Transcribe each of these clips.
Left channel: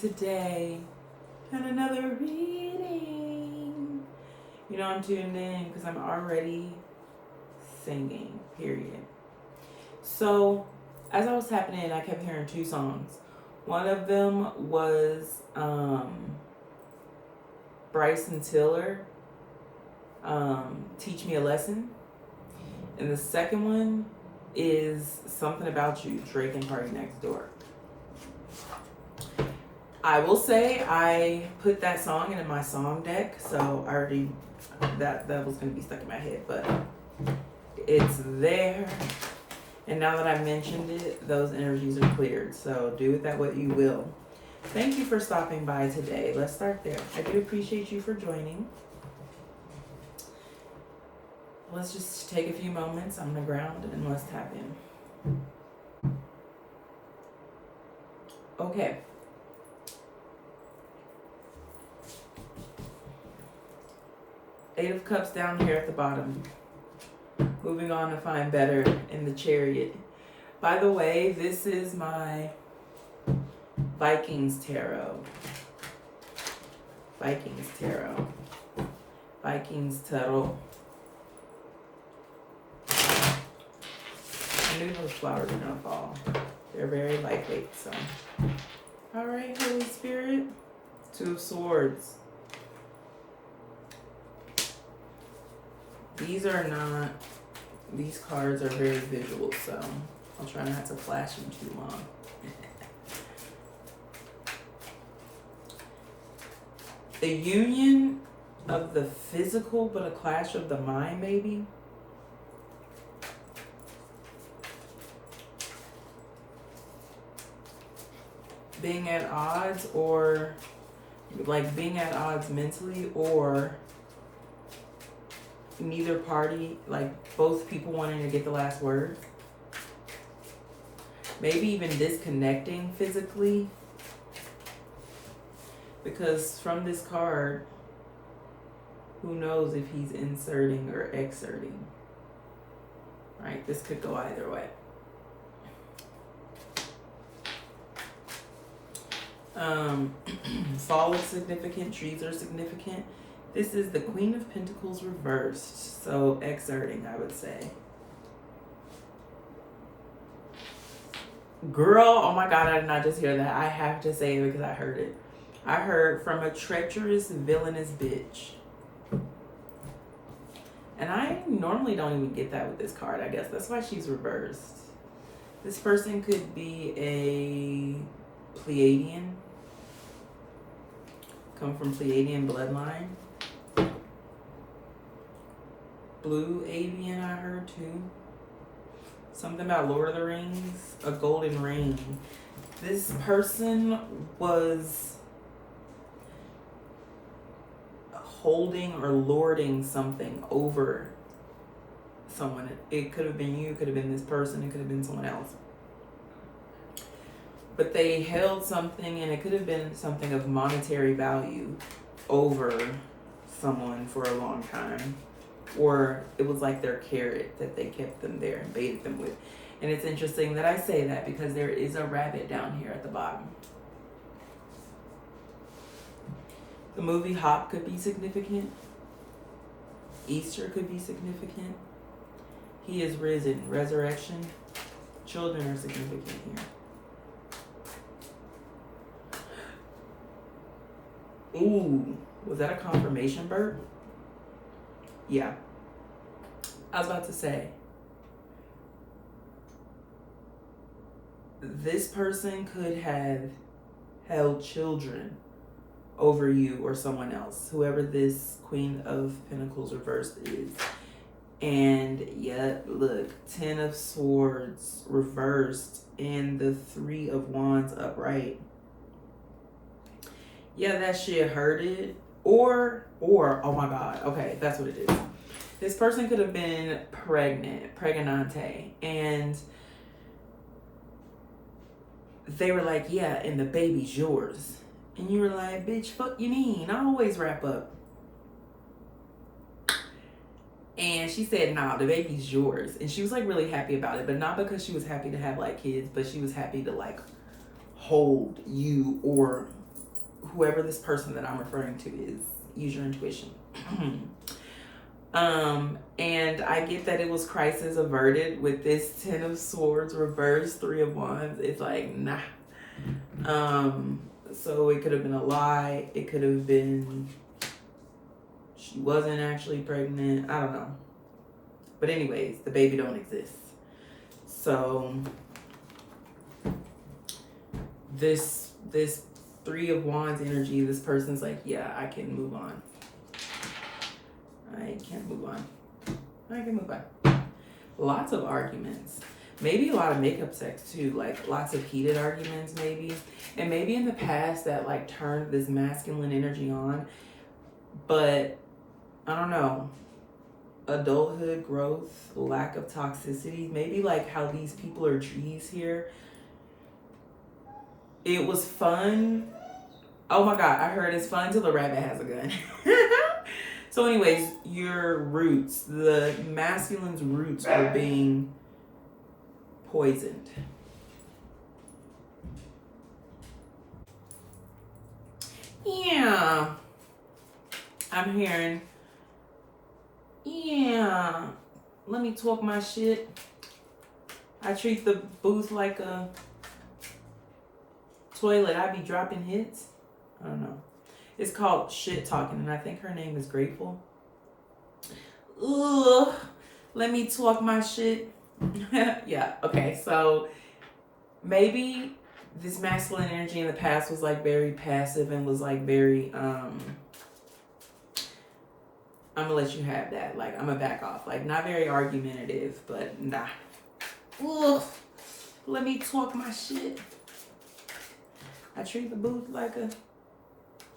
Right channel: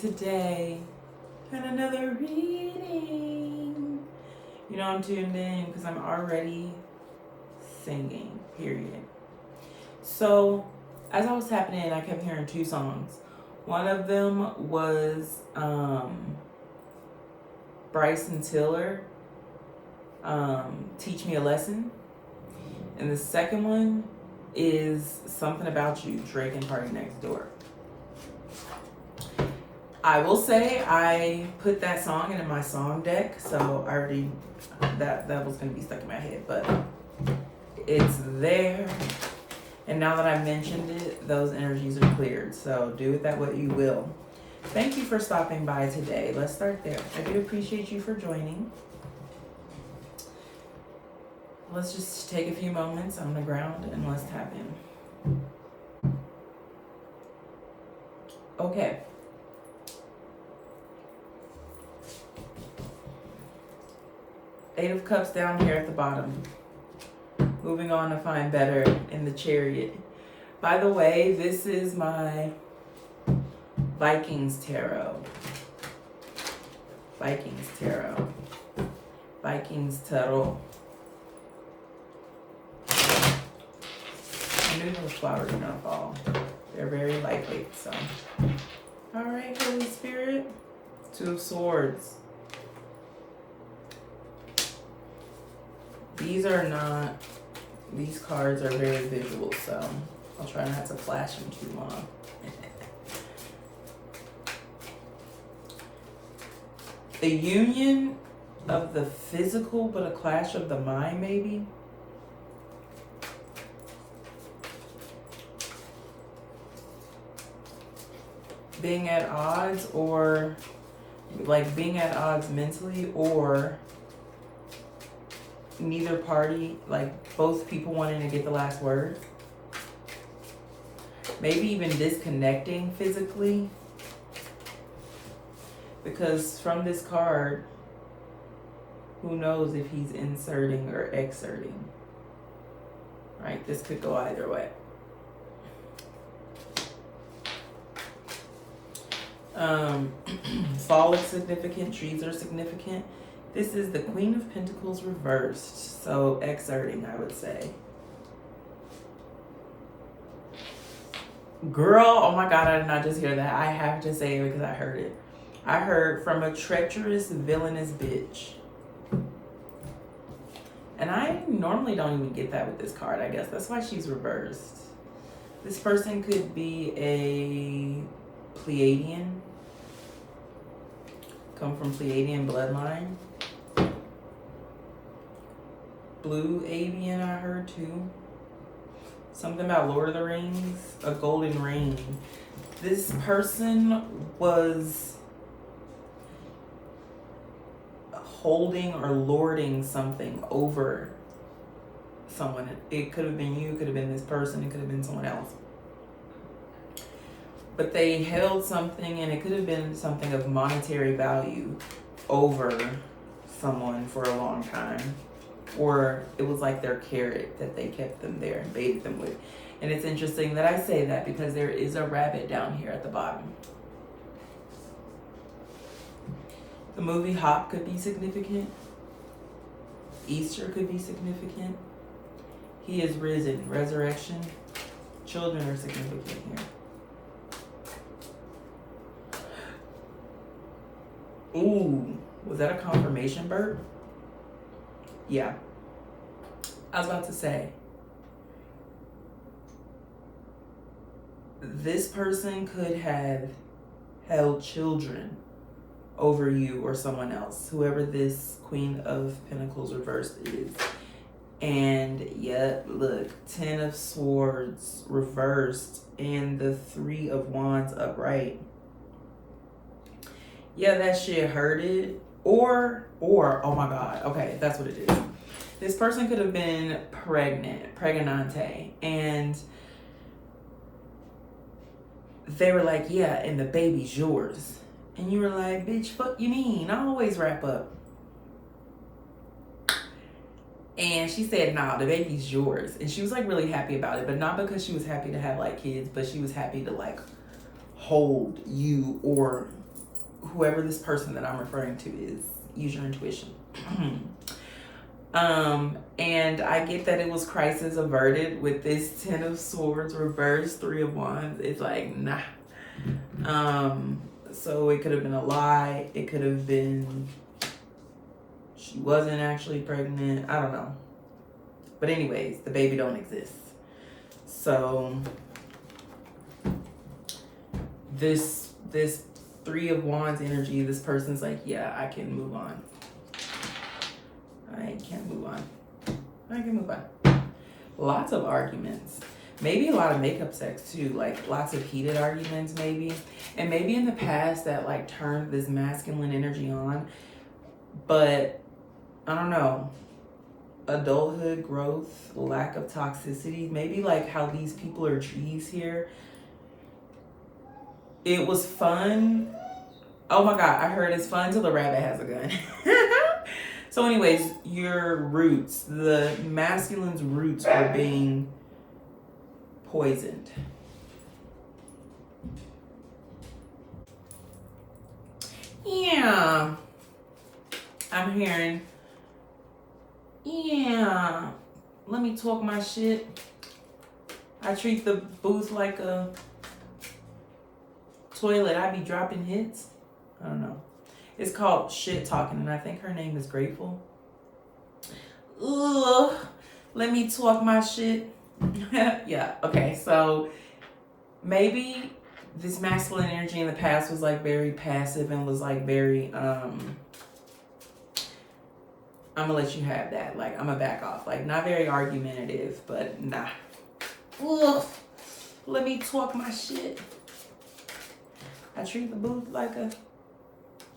today. And another reading. You know, I'm tuned in because I'm already singing, period. So, as I was tapping in, I kept hearing two songs. One of them was Bryson Tiller, Teach Me a Lesson. And the second one is Something About You, Drake and Party Next Door. I will say I put that song into my song deck, so I already, that was going to be stuck in my head, but it's there. And now that I mentioned it, those energies are cleared, so do with that what you will. Thank you for stopping by today. Let's start there. I do appreciate you for joining. Let's just take a few moments on the ground and let's tap in. Okay. Eight of Cups down here at the bottom. Moving on to find better in the Chariot. By the way, this is my Vikings Tarot. Vikings Tarot. Vikings Tarot. I knew those flowers were gonna fall. They're very lightweight, so. All right, Holy Spirit. Two of Swords. These cards are very visual, so I'll try not to flash them too long. A union of the physical, but a clash of the mind, maybe. Being at odds, or like being at odds mentally, or neither party, like both people wanting to get the last word. Maybe even disconnecting physically. Because from this card, who knows if he's inserting or exerting. Right? This could go either way. Fall is significant, trees are significant. This is the Queen of Pentacles reversed, so exerting, I would say. Girl, oh my God, I did not just hear that. I have to say it because I heard it. I heard from a treacherous, villainous bitch. And I normally don't even get that with this card, I guess. That's why she's reversed. This person could be a Pleiadian. Come from Pleiadian bloodline. Blue avian, I heard too. Something about Lord of the Rings, a golden ring. This person was holding or lording something over someone. It could have been you, it could have been this person, it could have been someone else. But they held something, and it could have been something of monetary value over someone for a long time. Or it was like their carrot that they kept them there and baited them with. And it's interesting that I say that because there is a rabbit down here at the bottom. The movie Hop could be significant. Easter could be significant. He is risen. Resurrection. Children are significant here. Ooh, was that a confirmation burp? Yeah. I was about to say, this person could have held children over you or someone else, whoever this Queen of Pentacles reversed is. And yet, look, 10 of Swords reversed and the 3 of Wands upright. Yeah, that shit hurted. Or, oh my God, okay, that's what it is. This person could have been pregnante, and they were like, yeah, and the baby's yours. And you were like, bitch, fuck you mean? I always wrap up. And she said, nah, the baby's yours. And she was like really happy about it, but not because she was happy to have like kids, but she was happy to like hold you or whoever this person that I'm referring to is. Use your intuition. And I get that it was crisis averted with this 10 of Swords reversed, 3 of Wands. It's like, nah. So it could have been a lie. It could have been she wasn't actually pregnant. I don't know. But anyways, the baby don't exist. So this 3 of Wands energy, this person's like, yeah, I can move on. I can move on. Lots of arguments. Maybe a lot of makeup sex too, like lots of heated arguments maybe. And maybe in the past that like turned this masculine energy on. But I don't know. Adulthood, growth, lack of toxicity. Maybe like how these people are trees here. It was fun. Oh my God, I heard it's fun till the rabbit has a gun. So anyways, your roots, the masculine's roots were being poisoned. Yeah. I'm hearing, yeah, let me talk my shit. I treat the booth like a toilet. I be dropping hits. I don't know. It's called Shit Talking, and I think her name is Grateful. Ugh, let me talk my shit. Yeah, okay, so maybe this masculine energy in the past was like very passive and was like very, I'm gonna let you have that. Like, I'm gonna back off. Like, not very argumentative, but nah. Ugh, let me talk my shit. I treat the booth like a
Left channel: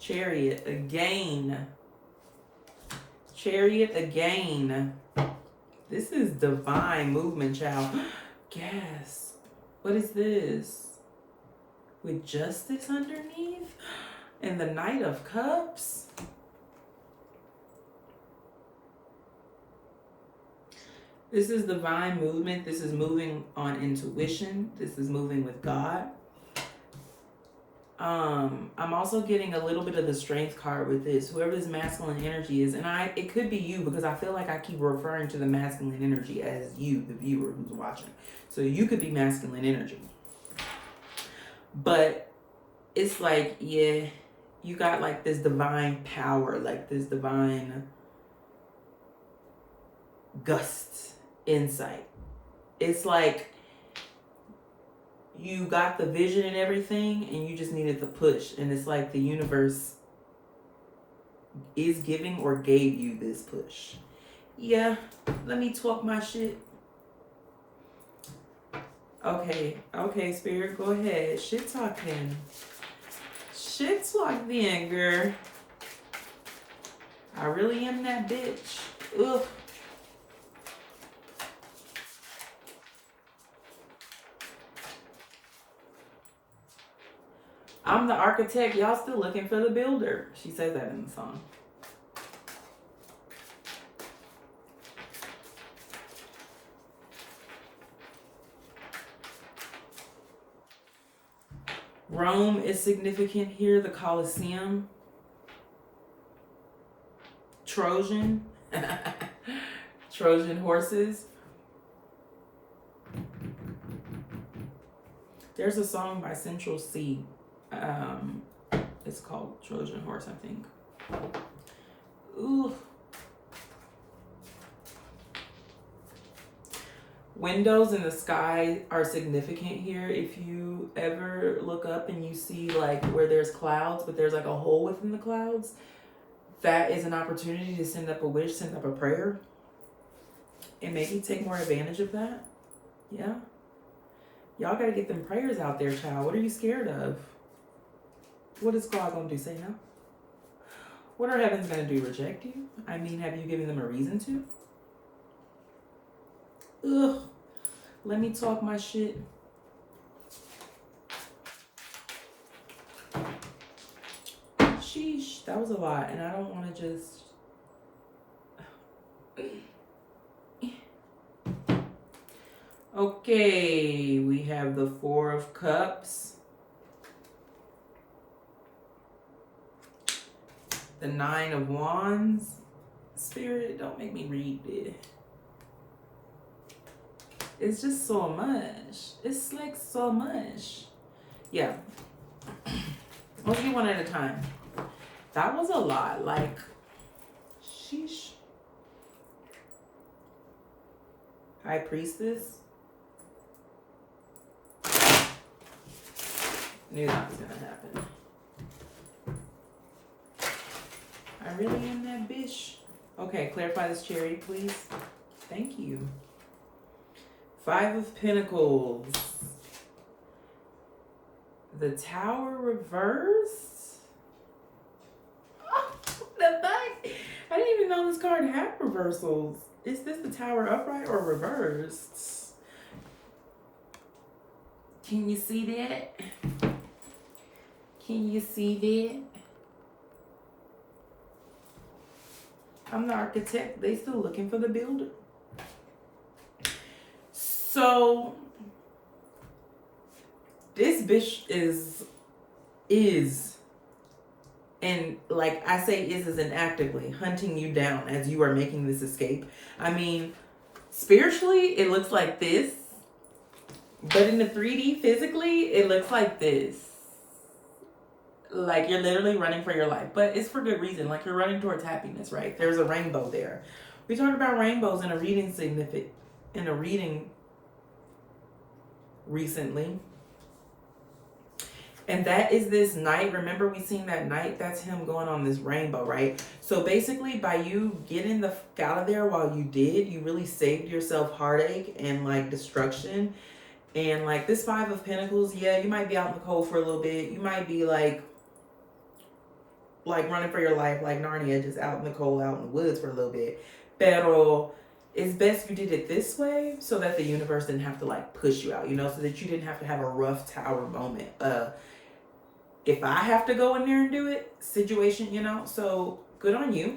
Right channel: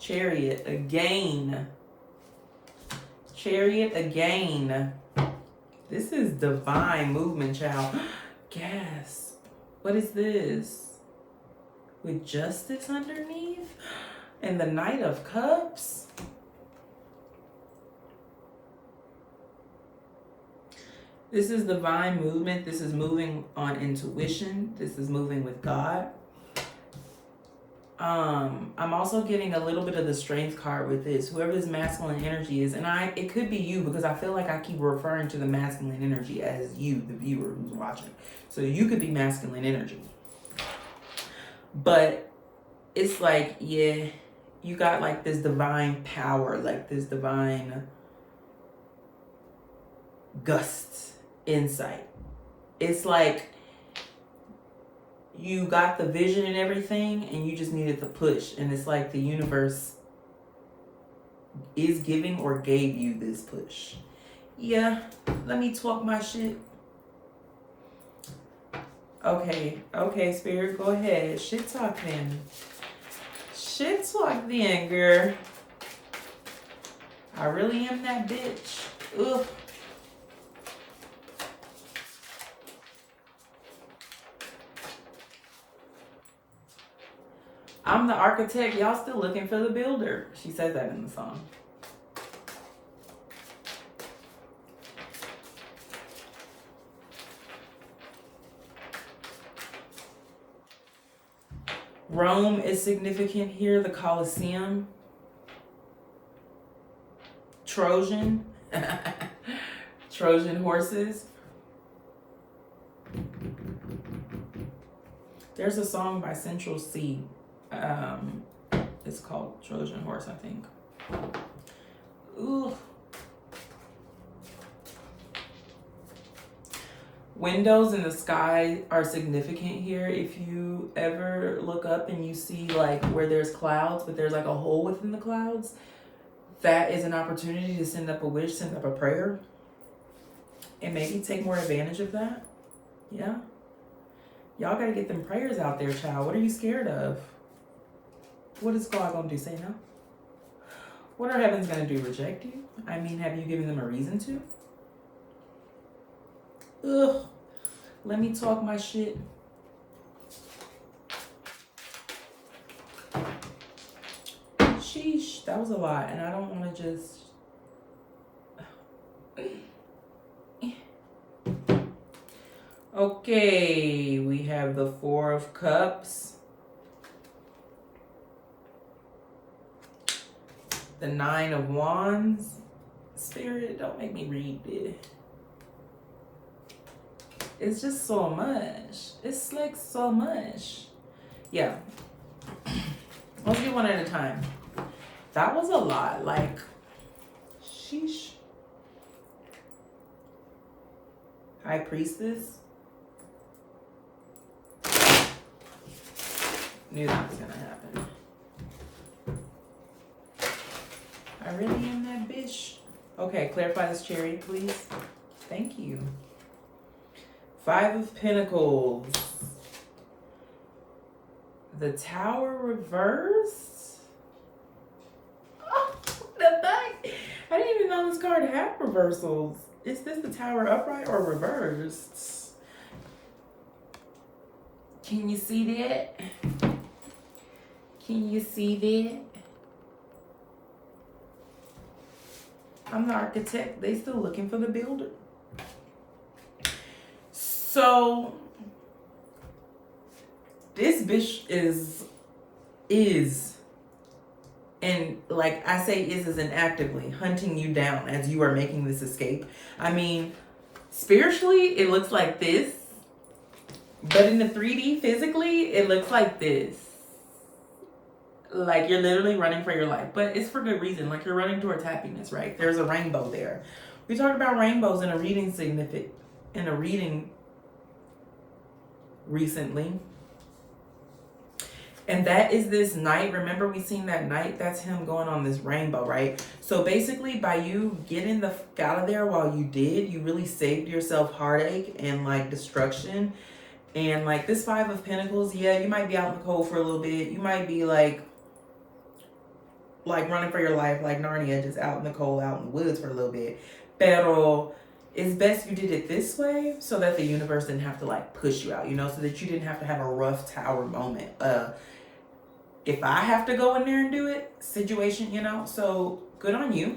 Chariot again. Chariot again. This is divine movement, child. Gasp. What is this? With justice underneath? And the Knight of Cups? This is divine movement. This is moving on intuition. This is moving with God. I'm also getting a little bit of the strength card with this, whoever this masculine energy is. And it could be you, because I feel like I keep referring to the masculine energy as you, the viewer who's watching. So you could be masculine energy. But it's like, yeah, you got like this divine power, like this divine gust, insight. It's like you got the vision and everything, and you just needed the push. And it's like the universe is giving or gave you this push. Yeah, let me talk my shit. Okay, Spirit, go ahead. Shit talk then. Shit talk then, girl. I really am that bitch. Ugh. I'm the architect, y'all still looking for the builder. She says that in the song. Rome is significant here, the Colosseum. Trojan. Trojan horses. There's a song by Central C. It's called Trojan Horse, I think. Ooh. Windows in the sky are significant here. If you ever look up and you see like where there's clouds, but there's like a hole within the clouds, that is an opportunity to send up a wish, send up a prayer, and maybe take more advantage of that. Yeah. Y'all got to get them prayers out there, child. What are you scared of? What is God going to do? Say no? What are heavens going to do? Reject you? I mean, have you given them a reason to? Ugh. Let me talk my shit. Sheesh. That was a lot. And I don't want to just... Okay. We have the 4 of Cups. the 9 of Wands. Spirit, don't make me read it. It's just so much. It's like so much. Yeah. Let's do one at a time. That was a lot. Like, sheesh. High Priestess. Knew that was gonna happen. I really am that bitch. Okay, clarify this, Cherry, please. Thank you. 5 of Pentacles. The Tower reversed. Oh, the fuck? I didn't even know this card had reversals. Is this the Tower upright or reversed? Can you see that? Can you see that? I'm the architect. They still looking for the builder. So this bitch is, and like I say is an actively hunting you down as you are making this escape. I mean, spiritually, it looks like this, but in the 3D, physically, it looks like this. Like you're literally running for your life, but it's for good reason. Like you're running towards happiness, right? There's a rainbow there. We talked about rainbows in a reading recently. And that is this Knight. Remember we seen that Knight? That's him going on this rainbow, right? So basically by you getting the fuck out of there while you did, you really saved yourself heartache and like destruction. And like this 5 of Pentacles, yeah, you might be out in the cold for a little bit. You might be like running for your life, like Narnia, just out in the cold, out in the woods for a little bit. Pero it's best you did it this way so that the universe didn't have to like push you out, you know, so that you didn't have to have a rough tower moment. If I have to go in there and do it, situation, you know, so good on you.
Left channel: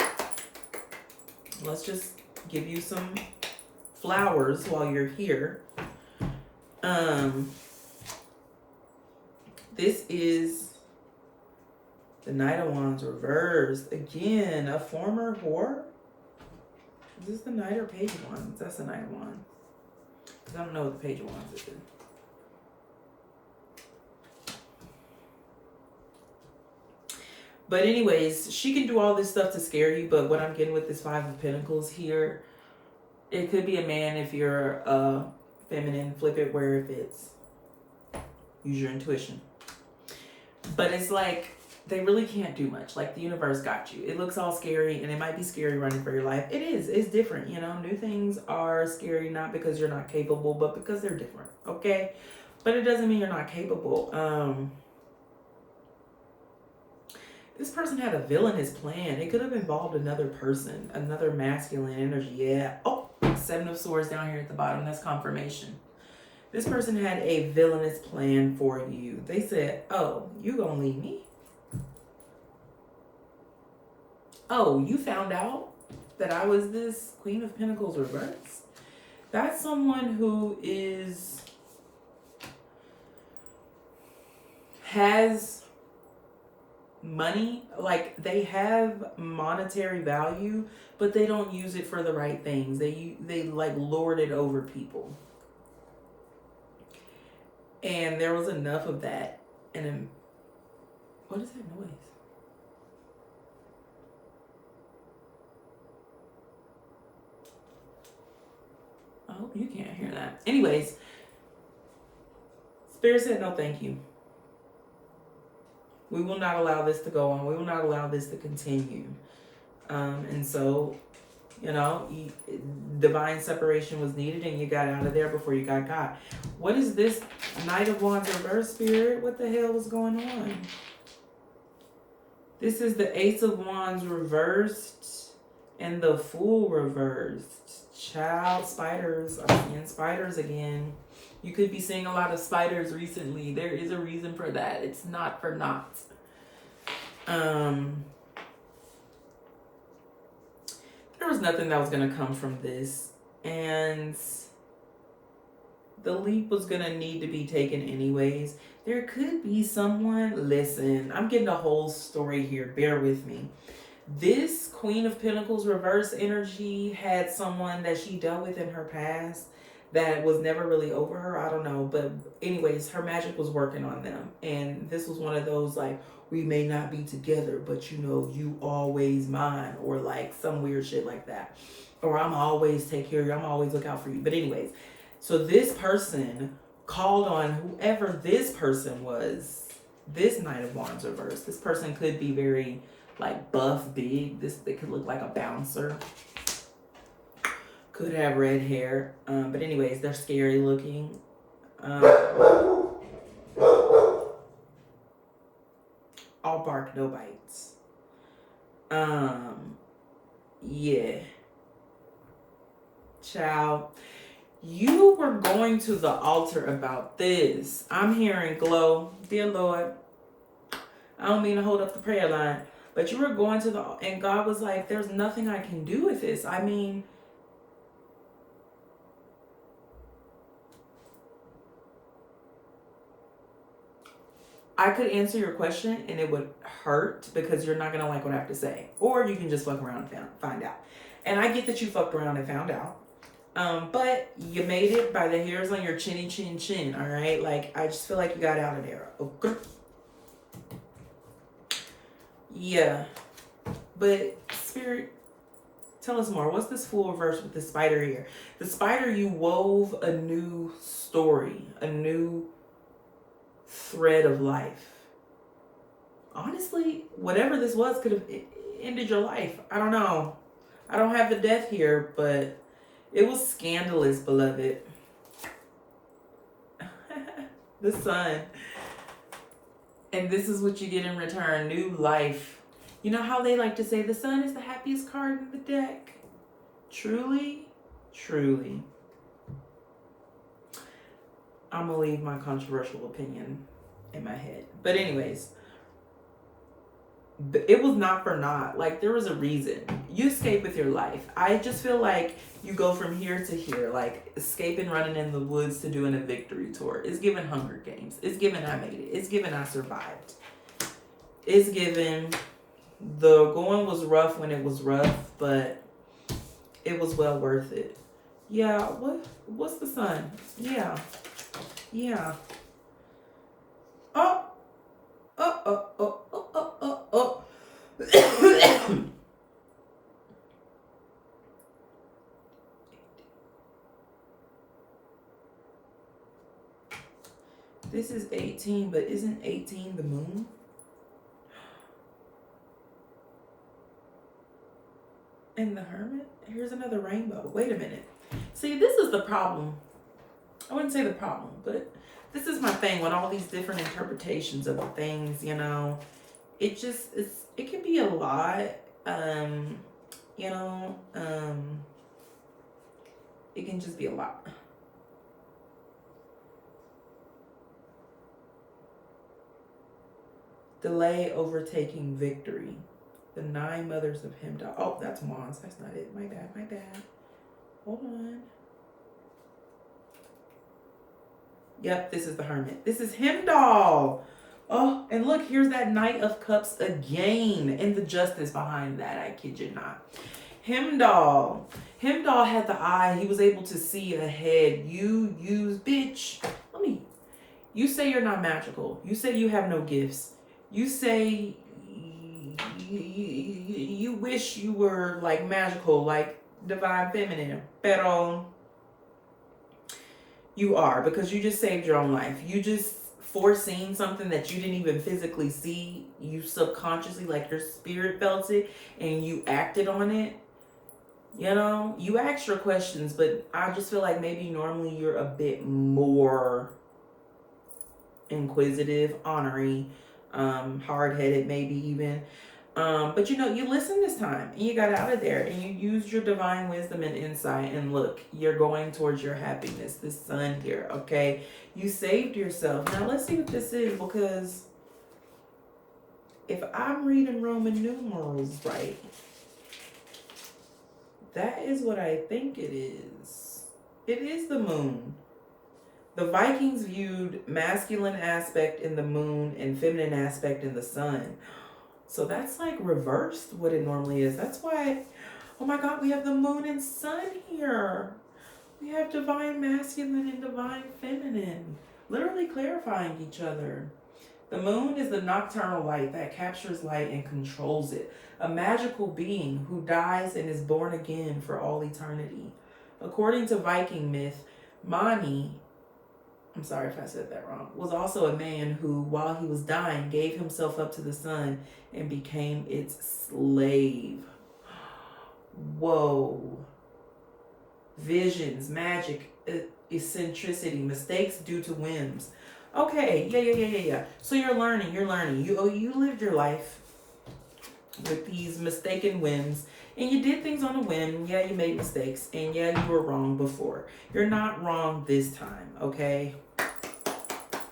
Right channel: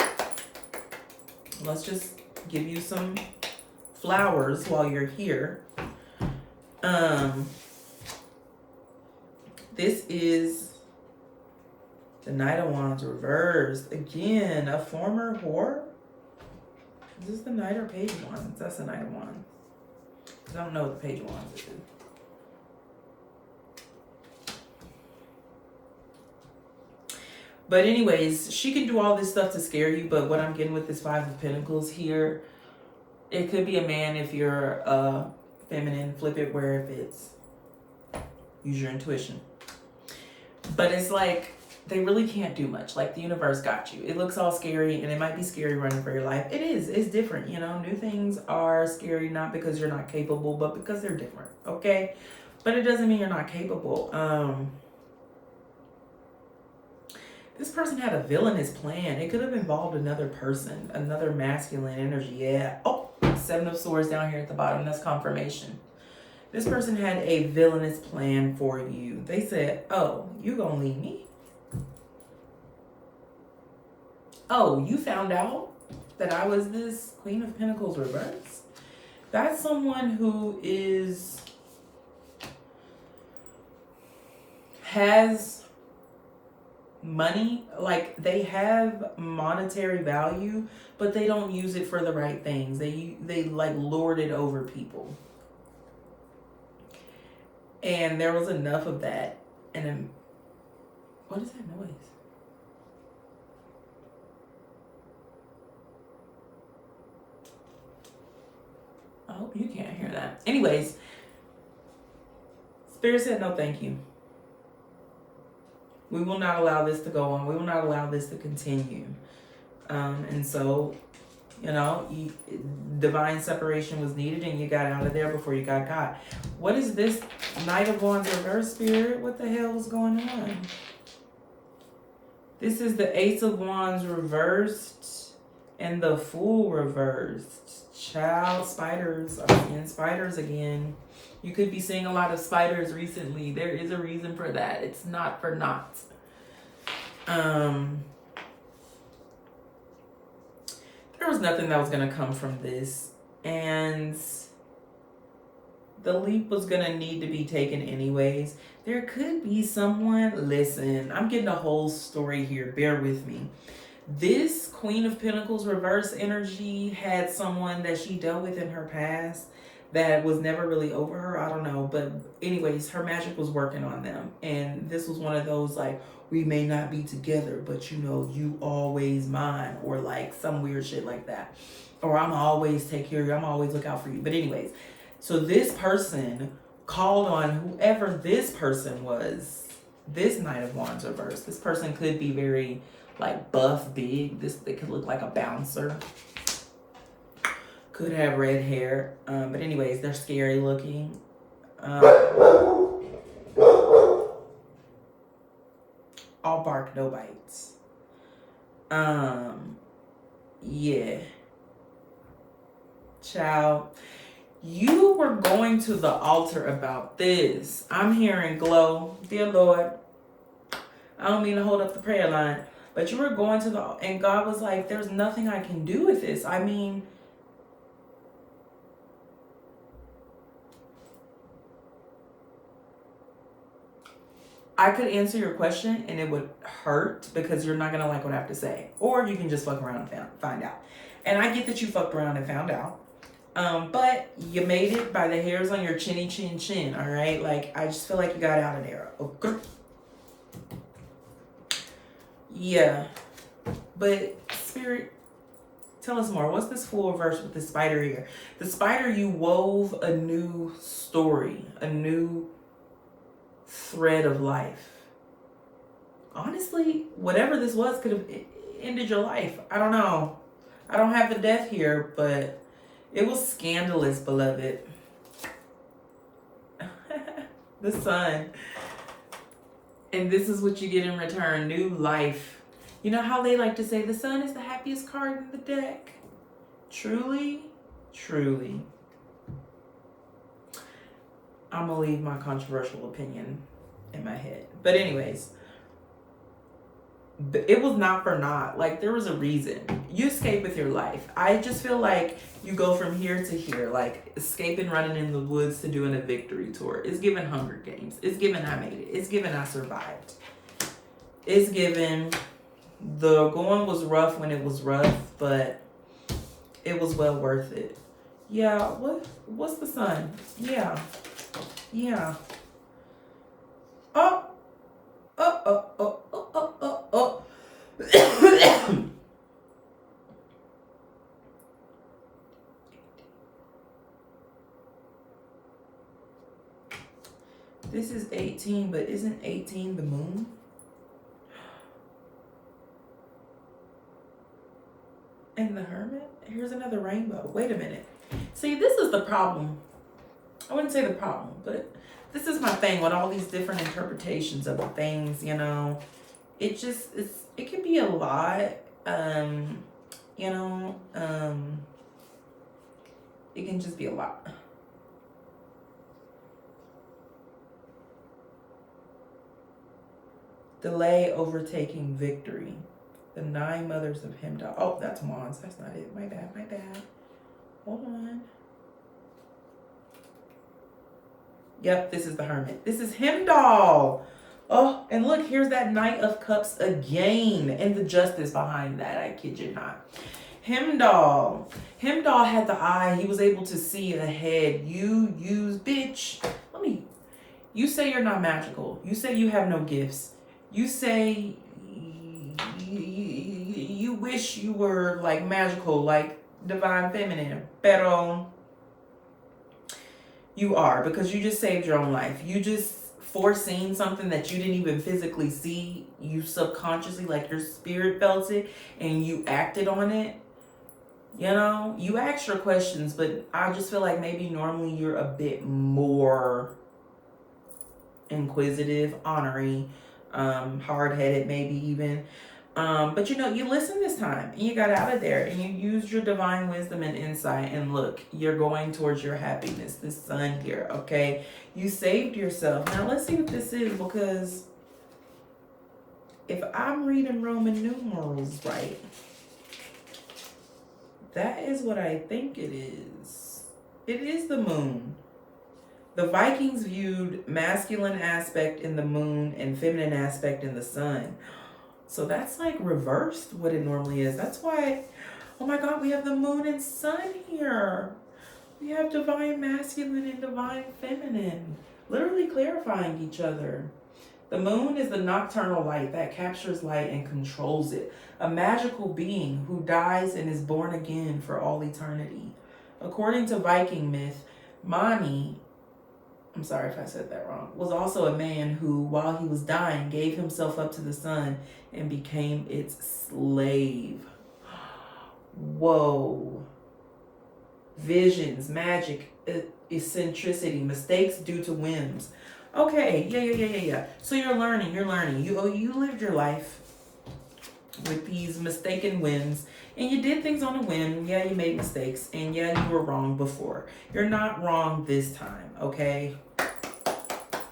Let's just give you some flowers while you're here. This is the Knight of Wands reversed. Again, a former whore. Is this the Knight or Page of Wands? That's the Knight of Wands. Because I don't know what the Page of Wands is. But anyways, she can do all this stuff to scare you. But what I'm getting with this 5 of Pentacles here, it could be a man if you're feminine. Flip it where it fits. Use your intuition. But it's like they really can't do much. Like the universe got you. It looks all scary and it might be scary running for your life. It is. It's different. You know, new things are scary not because you're not capable, but because they're different. Okay? But it doesn't mean you're not capable. This person had a villainous plan. It could have involved another person, another masculine energy. Yeah. Oh, 7 of Swords down here at the bottom. That's confirmation. This person had a villainous plan for you. They said, oh, you gonna leave me? Oh, you found out that I was this Queen of Pentacles reversed? That's someone who has money, like they have monetary value, but they don't use it for the right things. They like lord it over people. And there was enough of that. And then, what is that noise? I hope you can't hear that. Anyways, Spirit said no thank you. We will not allow this to go on. We will not allow this to continue. And so, you know, divine separation was needed and you got out of there before you got caught. What is this Knight of Wands reverse, Spirit? What the hell is going on? This is the Ace of Wands reversed and the Fool reversed. Child, spiders. I'm seeing spiders again. You could be seeing a lot of spiders recently. There is a reason for that. It's not for naught. There was nothing that was going to come from this. And the leap was going to need to be taken anyways. There could be someone, listen, I'm getting a whole story here. Bear with me. This Queen of Pentacles reverse energy had someone that she dealt with in her past that was never really over her. I don't know. But anyways, her magic was working on them. And this was one of those like, we may not be together, but you know, you always mine, or like some weird shit like that. Or I'm always take care of you. I'm always look out for you. But anyways, so this person called on whoever this person was, this Knight of Wands reverse. This person could be very like buff, big. They could look like a bouncer. Could have red hair. But anyways, they're scary looking. All bark, no bites. Yeah. Child, you were going to the altar about this. I'm hearing glow. Dear Lord, I don't mean to hold up the prayer line, but you were going to and God was like, there's nothing I can do with this. I mean, I could answer your question and it would hurt because you're not going to like what I have to say. Or you can just fuck around and find out. And I get that you fucked around and found out. But you made it by the hairs on your chinny chin chin, all right? Like, I just feel like you got out of there. Okay. Yeah. But, Spirit, tell us more. What's this Fool reverse with the spider here? The spider, you wove a new story, a new thread of life. Honestly, whatever this was could have ended your life. I don't know. I don't have the death here, but it was scandalous, beloved. The Sun. And this is what you get in return. New life. You know how they like to say the Sun is the happiest card in the deck? Truly, truly. I'm going to leave my controversial opinion in my head. But anyways, it was not for naught. Like, there was a reason. You escape with your life. I just feel like you go from here to here, like escaping, running in the woods to doing a victory tour. It's given Hunger Games. It's given I made it. It's given I survived. It's given the going was rough when it was rough, but it was well worth it. Yeah, what's the Sun? Yeah. Yeah. Oh. This is 18, but isn't 18 the moon? And the Hermit? Here's another rainbow. Wait a minute. See, this is the problem. I wouldn't say the problem, but this is my thing with all these different interpretations of things, you know. It can be a lot. You know, it can just be a lot. Delay overtaking victory. The 9 mothers of Heimdall. Oh, that's Wands. That's not it. My bad. Hold on. Yep, this is the Hermit. This is Heimdall. Oh, and look, here's that Knight of Cups again. And the justice behind that, I kid you not. Heimdall had the eye. He was able to see ahead. Bitch. You say you're not magical. You say you have no gifts. You say you wish you were like magical, like divine feminine. Pero you are, because you just saved your own life. You just foreseen something that you didn't even physically see. You subconsciously, like your spirit felt it and you acted on it. You know, you asked your questions, but I just feel like maybe normally you're a bit more inquisitive, ornery, hard-headed maybe even. But you know, you listened this time and you got out of there and you used your divine wisdom and insight, and look, you're going towards your happiness. This Sun here, okay? You saved yourself. Now let's see what this is, because if I'm reading Roman numerals right, that is what I think it is. It is the moon. The Vikings viewed masculine aspect in the moon and feminine aspect in the Sun. So that's like reversed what it normally is. That's why, oh my God, we have the moon and sun here. We have divine masculine and divine feminine, literally clarifying each other. The moon is the nocturnal light that captures light and controls it, a magical being who dies and is born again for all eternity. According to Viking myth, Mani, I'm sorry if I said that wrong, was also a man who, while he was dying, gave himself up to the sun and became its slave. Whoa. Visions, magic, eccentricity, mistakes due to whims. Okay, yeah. So you're learning. You lived your life with these mistaken whims, and you did things on a whim. Yeah, you made mistakes, and yeah, you were wrong before. You're not wrong this time, okay?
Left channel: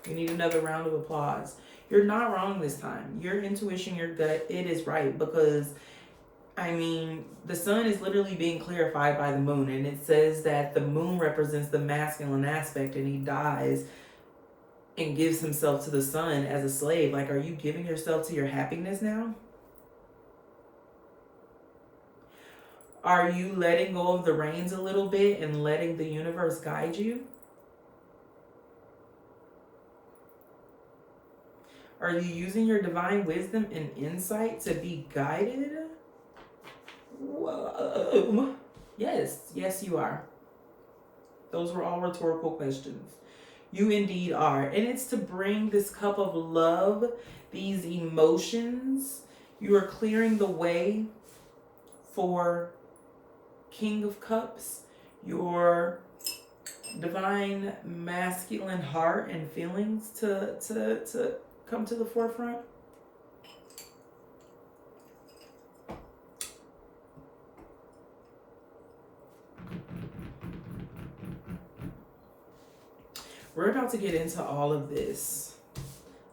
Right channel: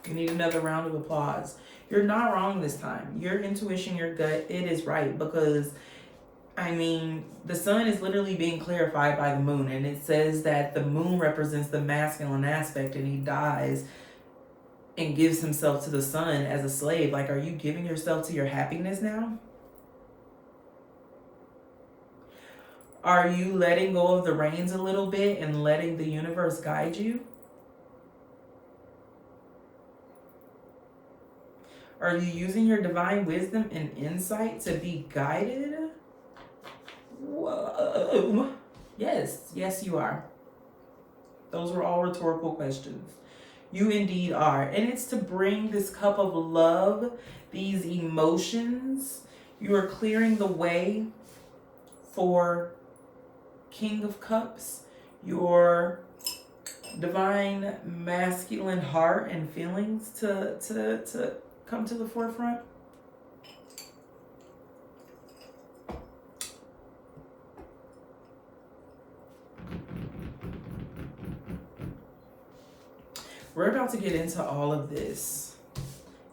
You need another round of applause. You're not wrong this time. Your intuition, your gut, it is right, because I mean, the sun is literally being clarified by the moon, and it says that the moon represents the masculine aspect, and he dies and gives himself to the sun as a slave. Like, are you giving yourself to your happiness now? Are you letting go of the reins a little bit and letting the universe guide you? Are you using your divine wisdom and insight to be guided? Whoa. Yes, you are. Those were all rhetorical questions. You indeed are. And it's to bring this cup of love, these emotions. You are clearing the way for King of Cups, your divine masculine heart and feelings to come to the forefront. We're about to get into all of this,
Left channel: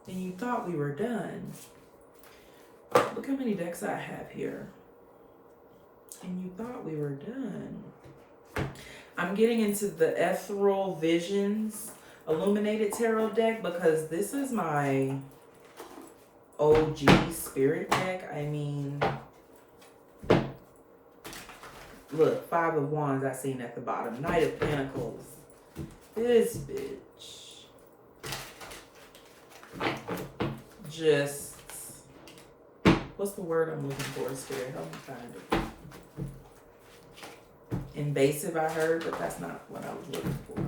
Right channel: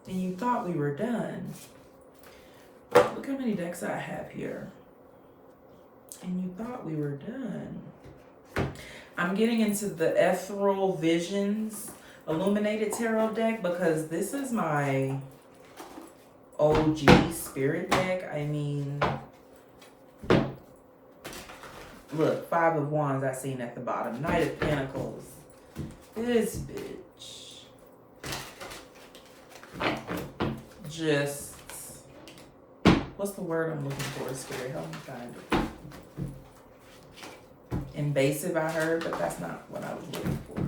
and you thought we were done. Look how many decks I have here. And you thought we were done. I'm getting into the Ethereal Visions Illuminated Tarot deck because this is my OG spirit deck. I mean, look, 5 of Wands I seen at the bottom. Knight of Pentacles. This bitch. Just, what's the word I'm looking for? Spirit, help me find it. Invasive, I heard, but that's not what I was looking for.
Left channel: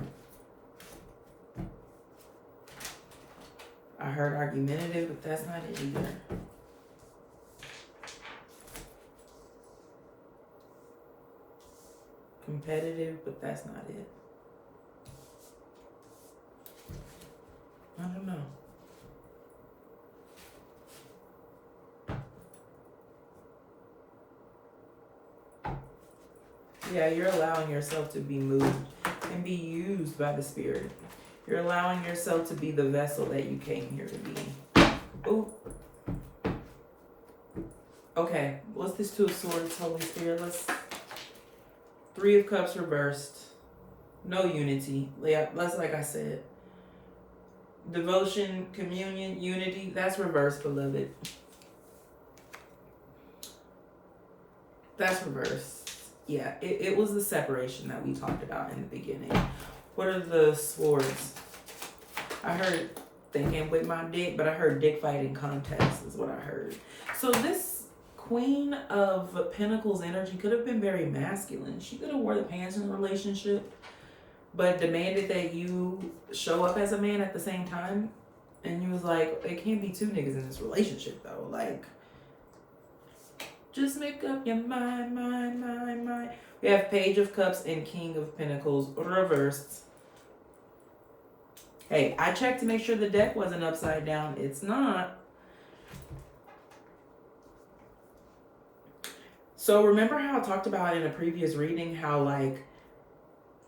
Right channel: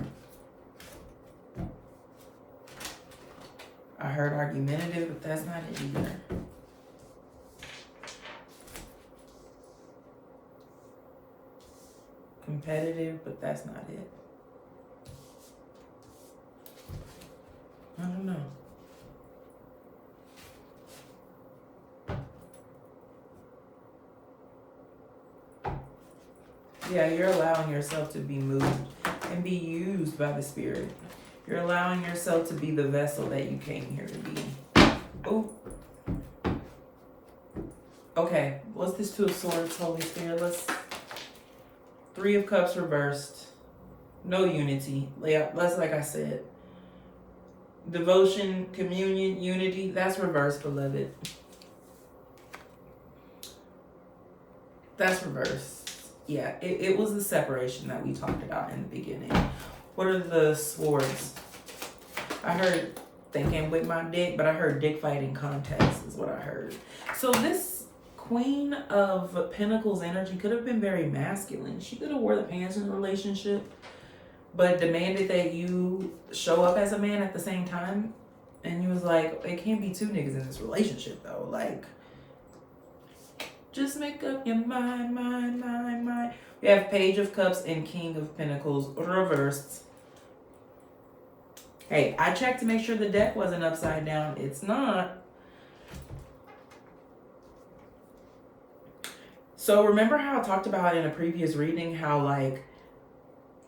I heard argumentative, but that's not it either. Competitive, but that's not it. I don't know. Yeah, you're allowing yourself to be moved and be used by the Spirit. You're allowing yourself to be the vessel that you came here to be. Oh. Okay, what's this 2 of Swords, Holy Spirit? 3 of Cups reversed. No unity. Yeah, that's like I said. Devotion, communion, unity, that's reversed, beloved. That's reversed. Yeah, it was the separation that we talked about in the beginning. What are the swords? I heard thinking with my dick, but I heard dick fighting contest is what I heard. So this Queen of Pentacles energy could have been very masculine. She could have wore the pants in the relationship, but demanded that you show up as a man at the same time. And you was like, it can't be 2 niggas in this relationship though. Like, just make up your mind. We have Page of Cups and King of Pentacles reversed. Hey, I checked to make sure the deck wasn't upside down. It's not. So remember how I talked about in a previous reading how, like,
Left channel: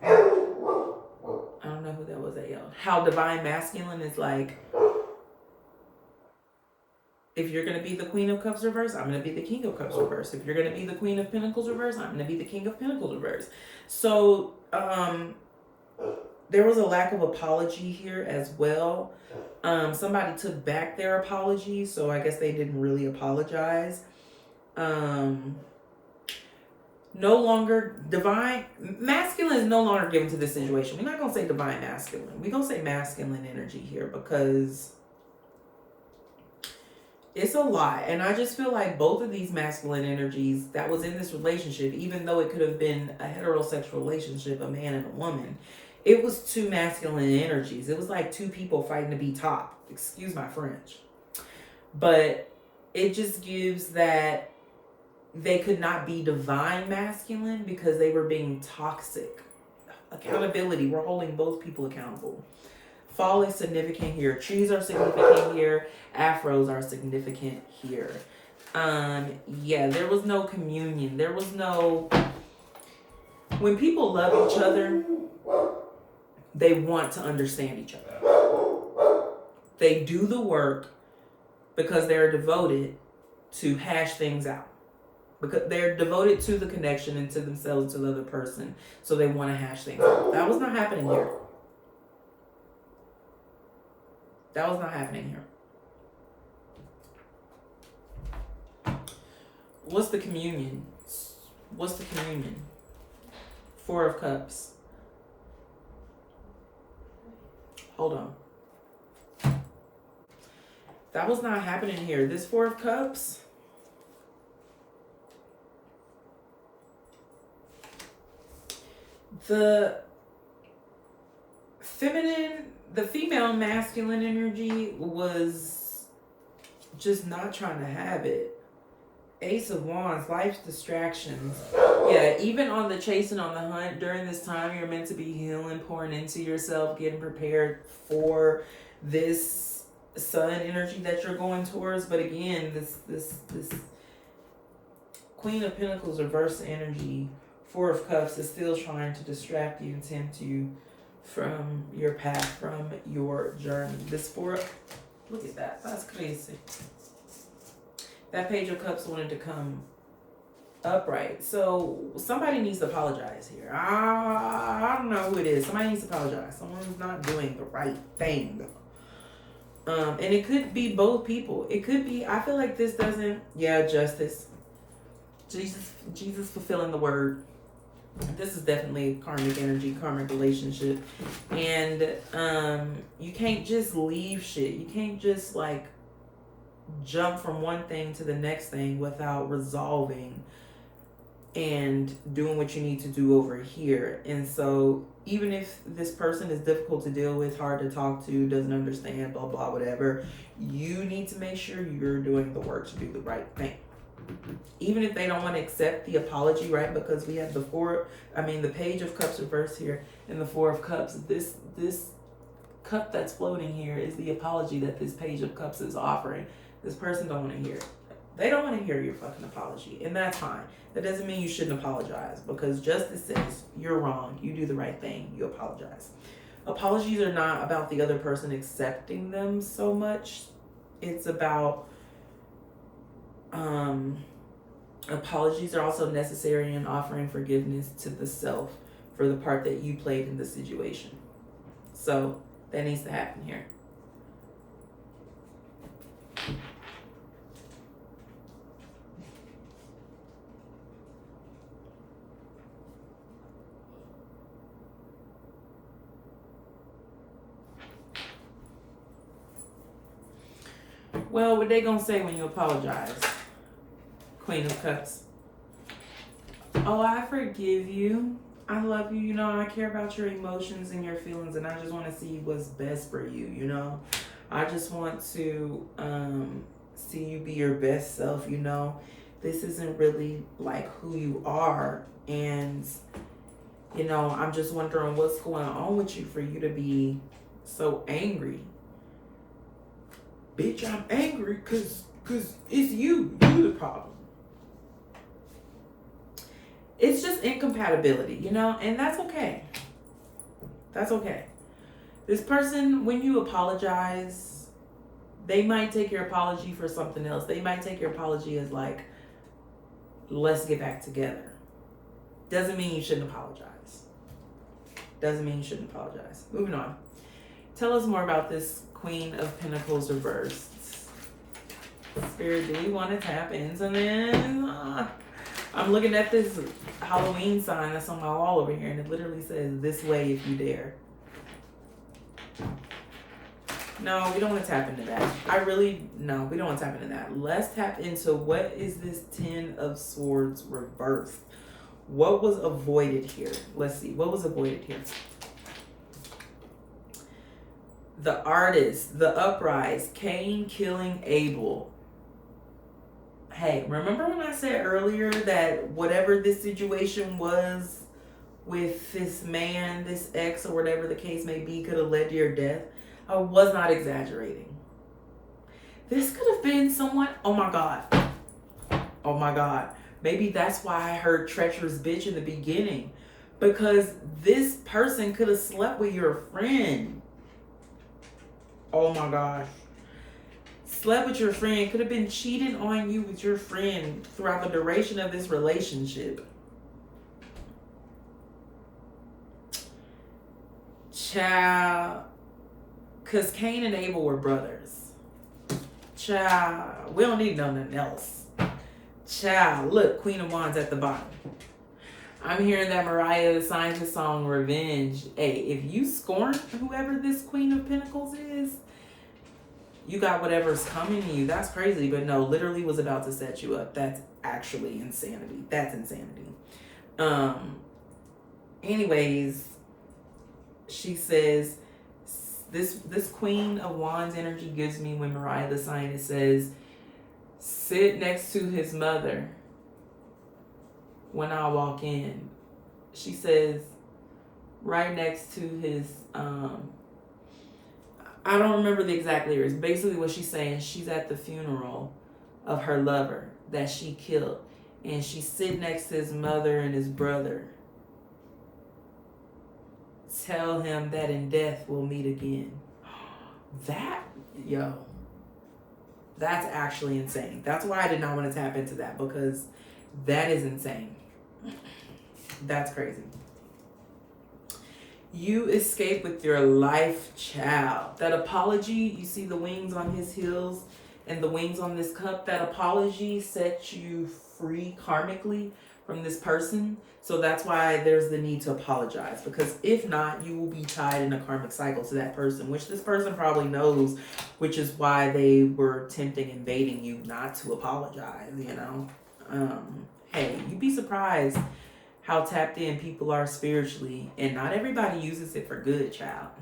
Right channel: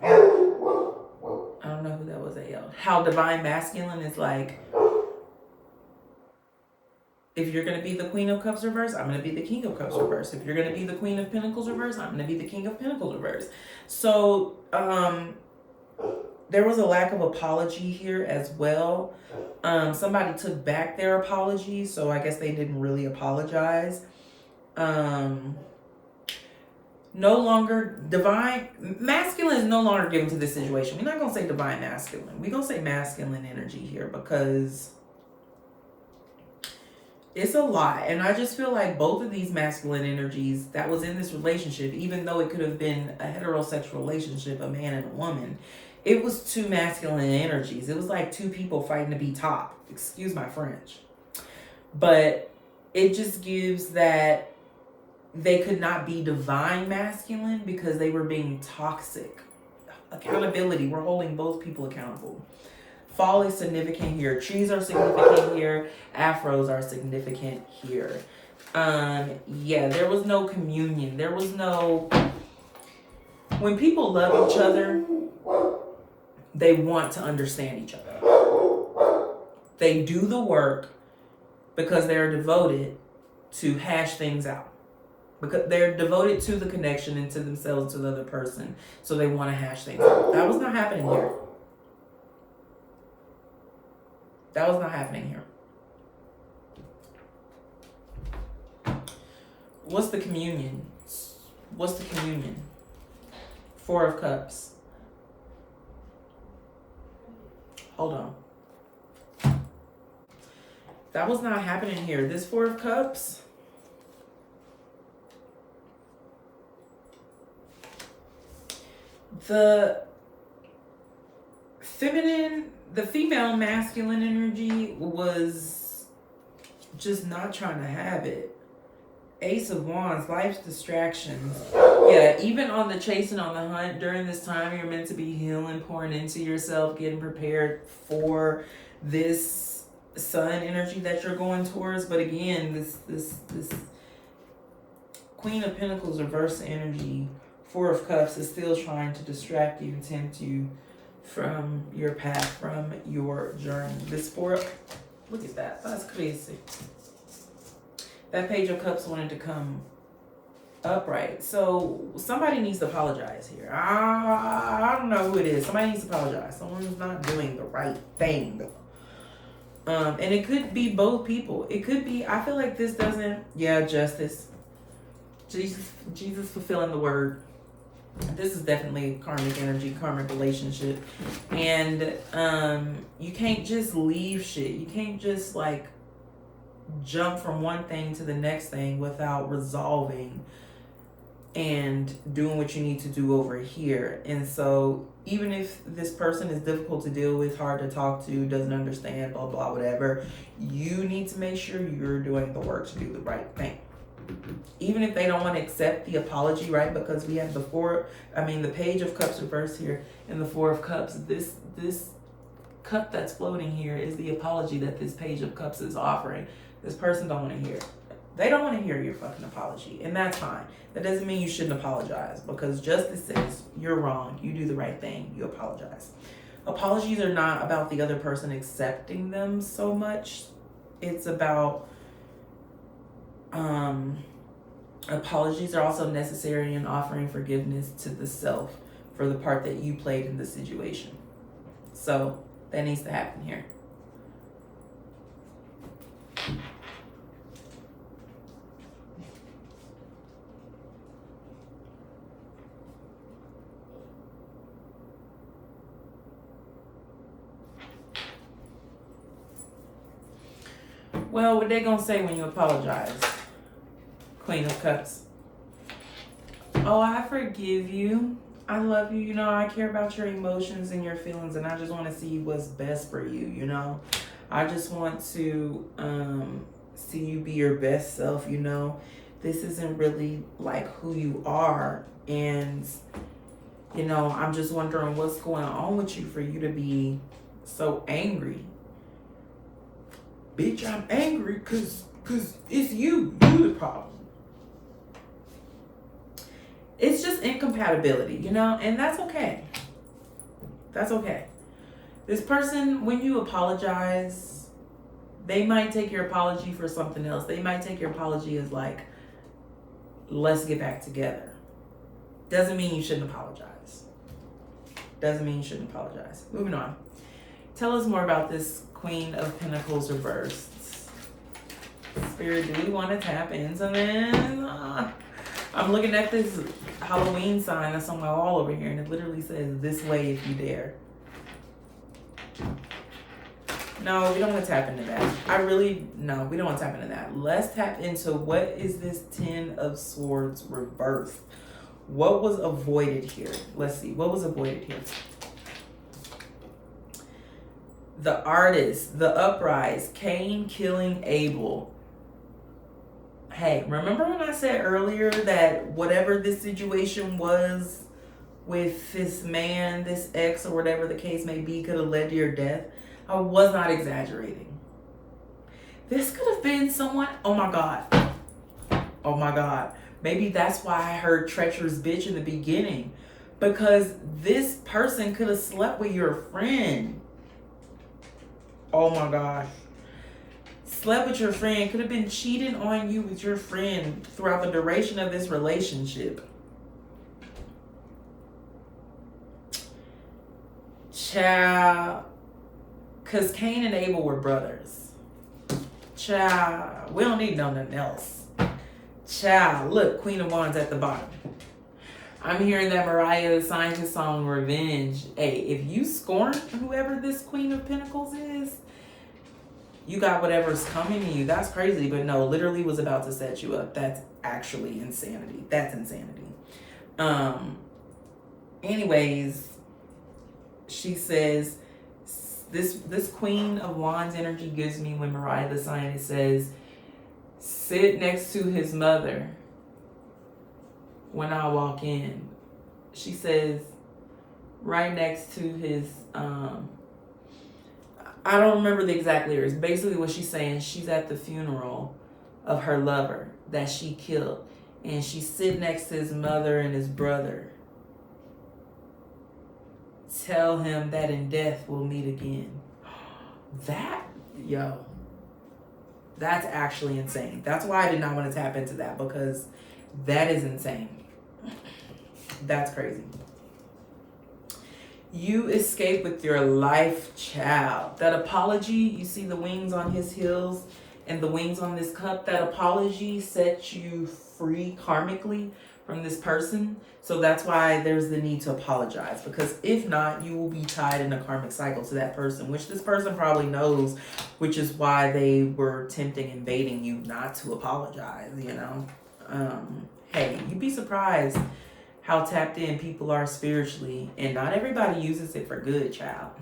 I don't know who that was that yelled. How divine masculine is like, if you're going to be the Queen of Cups reverse, I'm going to be the King of Cups reverse. If you're going to be the Queen of Pentacles reverse, I'm going to be the King of Pentacles reverse. So, there was a lack of apology here as well. Somebody took back their apology, so I guess they didn't really apologize. No longer divine masculine is no longer given to this situation. We're not gonna say divine masculine. We're gonna say masculine energy here because it's a lot. And I just feel like both of these masculine energies that was in this relationship, even though it could have been a heterosexual relationship, a man and a woman, it was two masculine energies. It was like two people fighting to be top. Excuse my French. But it just gives that they could not be divine masculine because they were being toxic. Accountability, we're holding both people accountable. Fall is significant here. Trees are significant here. Afros are significant here. Yeah, there was no communion. There was no... When people love each other, they want to understand each other. They do the work because they're devoted to hash things out. Because they're devoted to the connection and to themselves, to the other person. So they want to hash things out. That was not happening here. That was not happening here. What's the communion? What's the communion? Four of Cups. Hold on. That was not happening here. This Four of Cups. The feminine, the female masculine energy was just not trying to have it. Ace of Wands, life's distractions. Yeah, even on the chase and on the hunt, during this time, you're meant to be healing, pouring into yourself, getting prepared for this sun energy that you're going towards. But again, this Queen of Pentacles reverse energy, Four of Cups, is still trying to distract you and tempt you from your path, from your journey. This four, look at that. That's crazy. That Page of Cups wanted to come upright. So somebody needs to apologize here. I don't know who it is. Somebody needs to apologize. Someone's not doing the right thing. And it could be both people. It could be, I feel like this doesn't, yeah, justice. Jesus fulfilling the word. This is definitely karmic energy, karmic relationship. And you can't just leave shit. You can't just like jump from one thing to the next thing without resolving and doing what you need to do over here. And so even if this person is difficult to deal with, hard to talk to, doesn't understand, blah, blah, whatever, you need to make sure you're doing the work to do the right thing. Even if they don't want to accept the apology, right? Because we have the Page of Cups reversed here and the Four of Cups. This cup that's floating here is the apology that this Page of Cups is offering. This person don't want to hear it. They don't want to hear your fucking apology, and that's fine. That doesn't mean you shouldn't apologize, because justice says you're wrong, you do the right thing, you apologize. Apologies are not about the other person accepting them so much. It's about apologies are also necessary in offering forgiveness to the self for the part that you played in the situation. So that needs to happen here. Well, what they gonna say when you apologize? Queen of Cups. Oh, I forgive you. I love you. You know, I care about your emotions and your feelings, and I just want to see what's best for you, you know? I just want to see you be your best self, you know? This isn't really like who you are, and, you know, I'm just wondering what's going on with you for you to be so angry. Bitch, I'm angry because it's you. You the problem. It's just incompatibility, you know? And that's okay. That's okay. This person, when you apologize, they might take your apology for something else. They might take your apology as like, let's get back together. Doesn't mean you shouldn't apologize. Doesn't mean you shouldn't apologize. Moving on. Tell us more about this Queen of Pentacles reversed. Spirit, do we want to tap into this? I'm looking at this Halloween sign that's on my wall over here, and it literally says, "This way if you dare." No, we don't want to tap into that. No, we don't want to tap into that. Let's tap into what is this Ten of Swords reversed? What was avoided here? Let's see. What was avoided here? The Artist, the Uprise, Cain killing Abel. Hey, remember when I said earlier that whatever this situation was with this man, this ex, or whatever the case may be, could have led to your death? I was not exaggerating. This could have been someone, oh my God. Oh my God. Maybe that's why I heard treacherous bitch in the beginning. Because this person could have slept with your friend. Oh my gosh. Slept with your friend, could have been cheating on you with your friend throughout the duration of this relationship. Child. Because Cain and Abel were brothers. Child. We don't need nothing else. Child. Look, Queen of Wands at the bottom. I'm hearing that Mariah signs his song Revenge. Hey, if you scorn whoever this Queen of Pentacles is, you got whatever's coming to you. That's crazy. But no, literally was about to set you up. That's actually insanity. That's insanity. Anyways, she says, this Queen of Wands energy gives me when Mariah the sign, it says, sit next to his mother when I walk in. She says, right next to his, I don't remember the exact lyrics. Basically what she's saying, she's at the funeral of her lover that she killed. And she's sitting next to his mother and his brother. Tell him that in death we'll meet again. That's actually insane. That's why I did not want to tap into that, because that is insane. That's crazy. You escape with your life, child. That apology, you see the wings on his heels and the wings on this cup, that apology sets you free karmically from this person. So that's why there's the need to apologize, because if not, you will be tied in a karmic cycle to that person, which this person probably knows, which is why they were tempting and baiting you not to apologize, you know? Hey, you'd be surprised how tapped in people are spiritually, and not everybody uses it for good, child.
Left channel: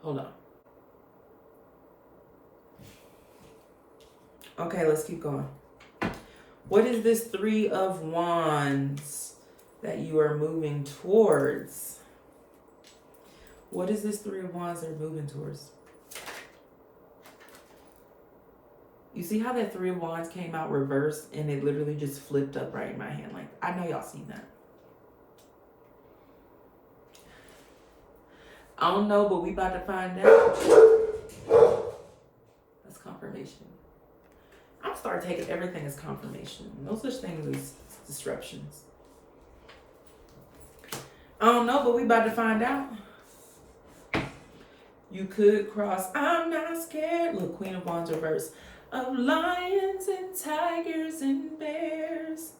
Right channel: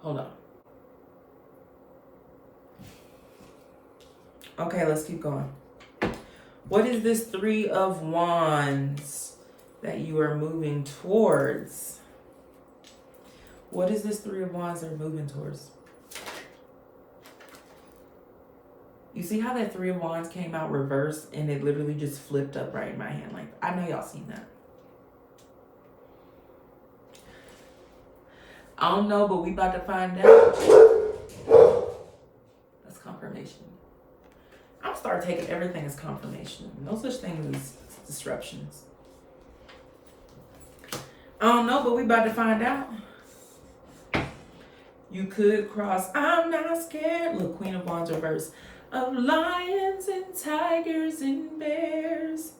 Hold on. Okay, let's keep going. What is this Three of Wands that you are moving towards? What is this Three of Wands they're moving towards? You see how that Three of Wands came out reversed and it literally just flipped up right in my hand? Like, I know y'all seen that. I don't know, but we about to find out. That's confirmation. I'm start taking everything as confirmation. No such thing as disruptions. I don't know, but we about to find out. You could cross, I'm not scared. Look, Queen of Wands reverse. Of lions and tigers and bears,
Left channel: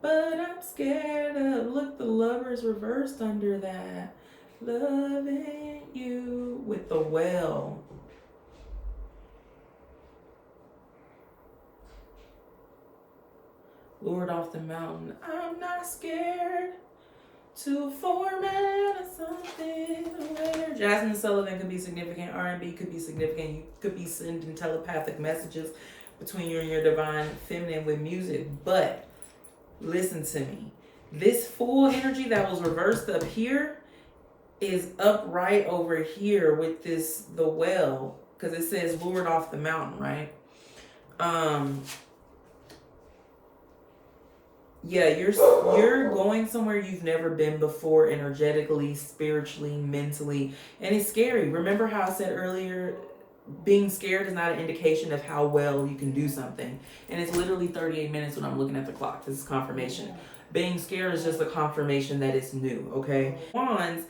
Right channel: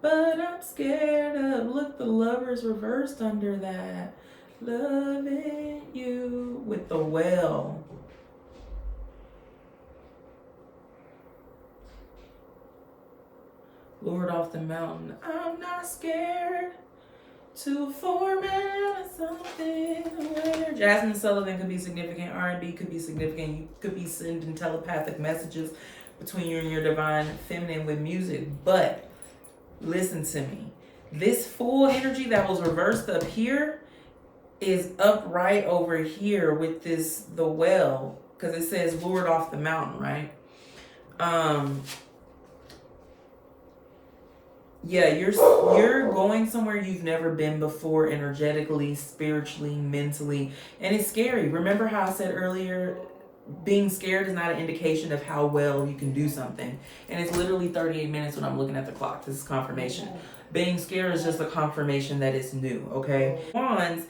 but I'm scared of, look, the Lovers reversed under that. Loving you with the well. Lord off the mountain. I'm not scared to form something later. Jasmine Sullivan could be significant. R&B could be significant. You could be sending telepathic messages between you and your divine feminine with music. But listen to me. This full energy that was reversed up here is upright over here with this, the well, because it says Lord off the mountain, right? Yeah, you're going somewhere you've never been before, energetically, spiritually, mentally, and it's scary. Remember how I said earlier being scared is not an indication of how well you can do something. And it's literally 38 minutes when I'm looking at the clock. This is confirmation. Being scared is just a confirmation that it's new, okay? Wands.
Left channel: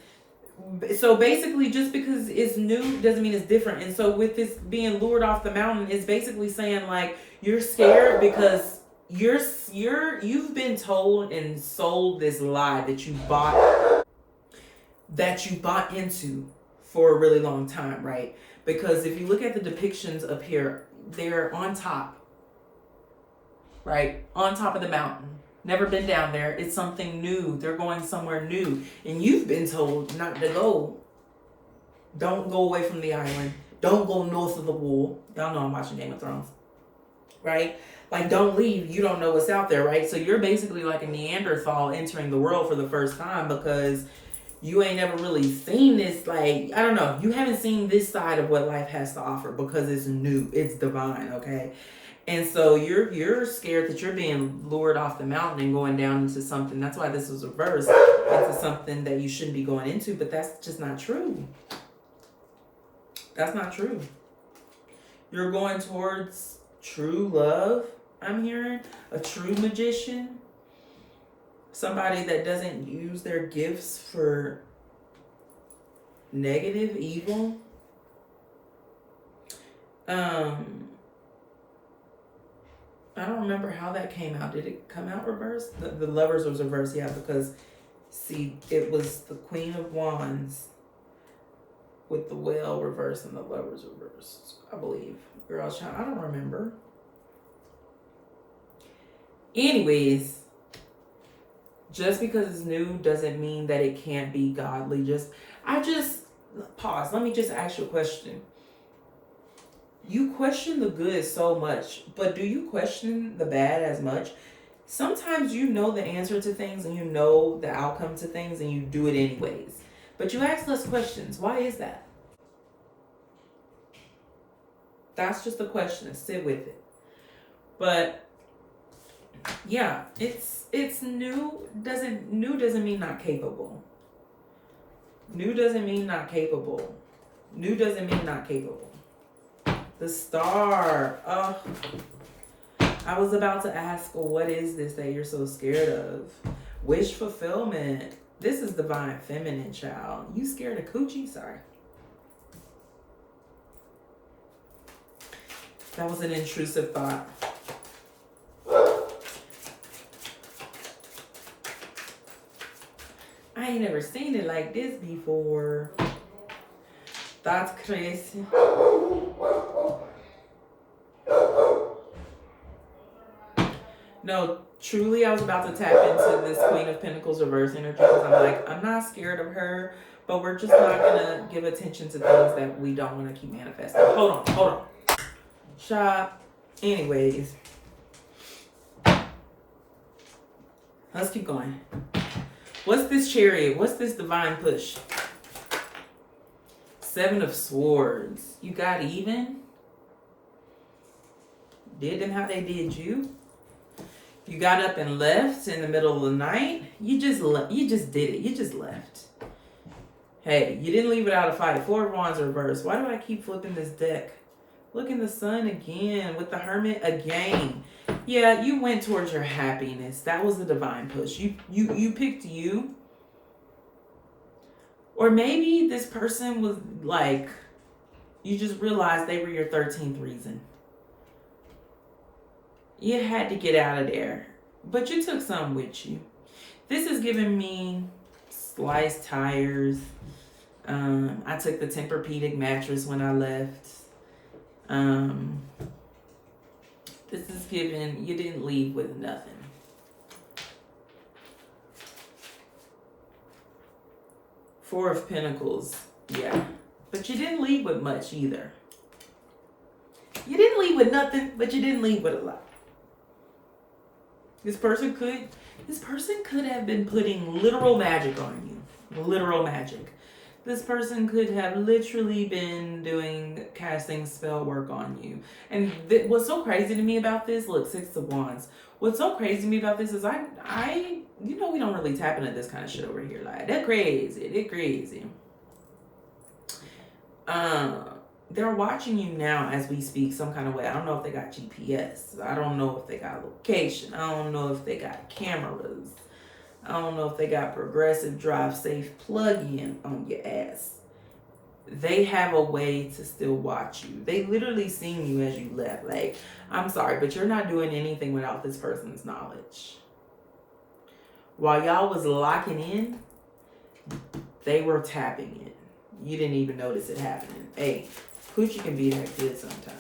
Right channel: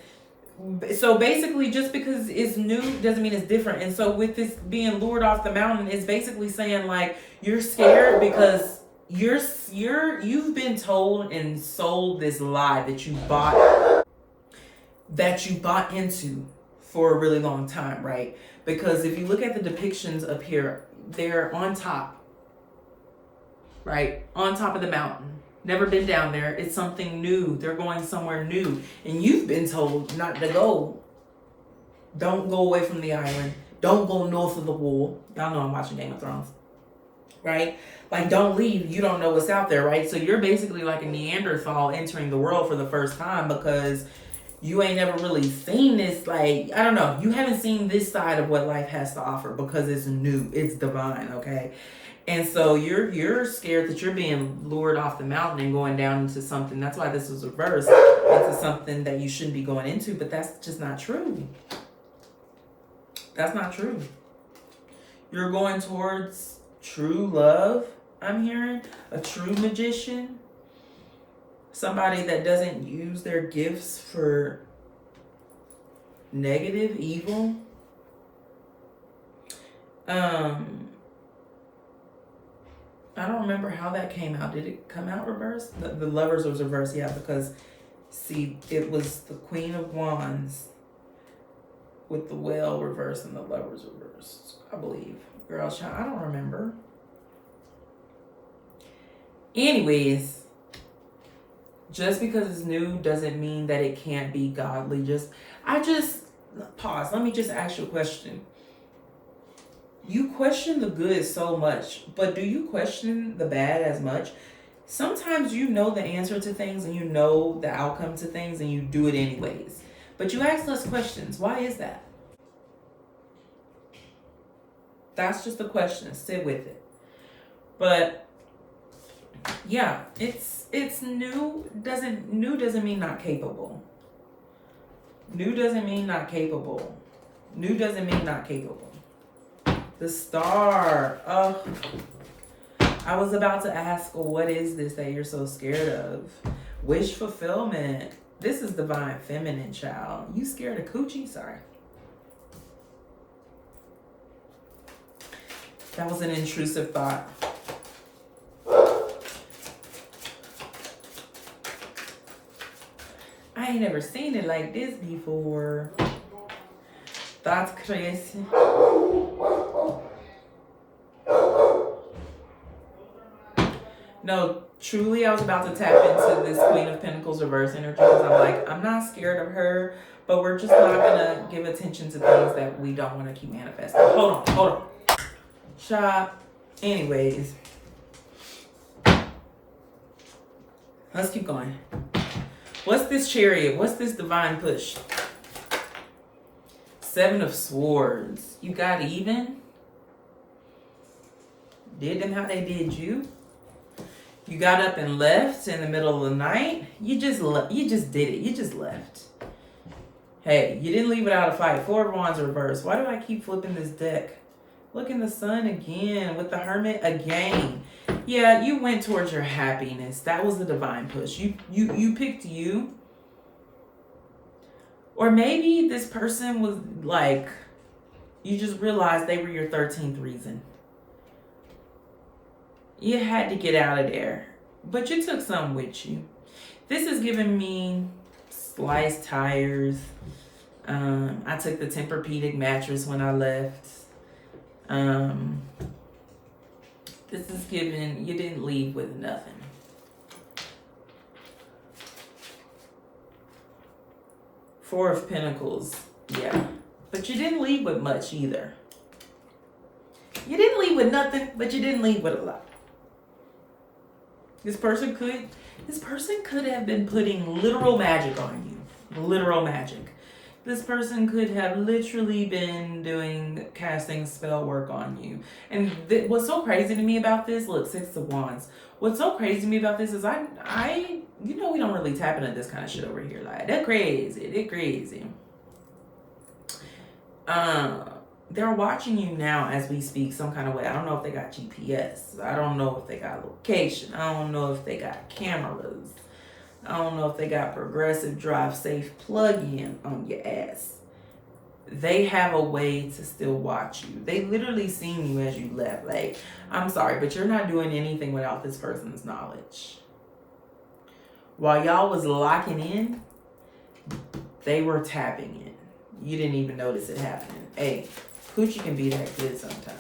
So basically, just because it's new doesn't mean it's different. And so with this being lured off the mountain, it's basically saying like you're scared because you've been told and sold this lie that you bought into for a really long time, right? Because if you look at the depictions up here, they're on top, right? On top of the mountain. Never been down there. It's something new. They're going somewhere new. And you've been told not to go. Don't go away from the island. Don't go north of the wall. Y'all know I'm watching Game of Thrones, right? Like, don't leave. You don't know what's out there, right? So you're basically like a Neanderthal entering the world for the first time because you ain't never really seen this. Like, I don't know. You haven't seen this side of what life has to offer because it's new. It's divine, okay? And so you're scared that you're being lured off the mountain and going down into something. That's why this was reversed into something that you shouldn't be going into. But that's just not true. That's not true. You're going towards true love, I'm hearing. A true magician. Somebody that doesn't use their gifts for negative, evil. I don't remember how that came out. Did it come out reversed? The Lovers was reversed, yeah, because see, it was the Queen of Wands with the Whale reversed and the Lovers reversed, I believe. Girl, child, I don't remember. Anyways, just because it's new doesn't mean that it can't be godly. I just pause. Let me just ask you a question. You question the good so much, but do you question the bad as much? Sometimes you know the answer to things and you know the outcome to things and you do it anyways. But you ask less questions. Why is that? That's just a question. Sit with it. But yeah, it's new. New doesn't mean not capable. New doesn't mean not capable. New doesn't mean not capable. The Star. Oh, I was about to ask, what is this that you're so scared of? Wish fulfillment. This is divine feminine, child. You scared of coochie? Sorry. That was an intrusive thought. I ain't never seen it like this before. That's crazy. No, truly, I was about to tap into this Queen of Pentacles reverse energy because I'm like, I'm not scared of her, but we're just not gonna give attention to things that we don't want to keep manifesting. Hold on. Shop. Anyways, let's keep going. What's this Chariot? What's this divine push? Seven of Swords. You got even? Did them how they did you? You got up and left in the middle of the night. You just did it. You just left. Hey, you didn't leave without a fight. Four of Wands reversed. Why do I keep flipping this deck? Look in the Sun again with the Hermit again. Yeah, you went towards your happiness. That was the divine push. You picked you. Or maybe this person was like, you just realized they were your 13th reason. You had to get out of there. But you took some with you. This is giving me sliced tires. I took the Tempur-Pedic mattress when I left. This is giving, you didn't leave with nothing. Four of Pentacles, yeah. But you didn't leave with much either. You didn't leave with nothing, but you didn't leave with a lot. This person could have been putting literal magic on you. Literal magic. This person could have literally been casting spell work on you. And what's so crazy to me about this, look, Six of Wands. What's so crazy to me about this is you know, we don't really tap into this kind of shit over here. Like, they're crazy. they're watching you now as we speak some kind of way. I don't know if they got GPS. I don't know if they got location. I don't know if they got cameras. I don't know if they got progressive drive safe plug-in on your ass. They have a way to still watch you. They literally seen you as you left. Like, I'm sorry, but you're not doing anything without this person's knowledge. While y'all was locking in, they were tapping in. You didn't even notice it happening. Hey, coochie can be that good sometimes.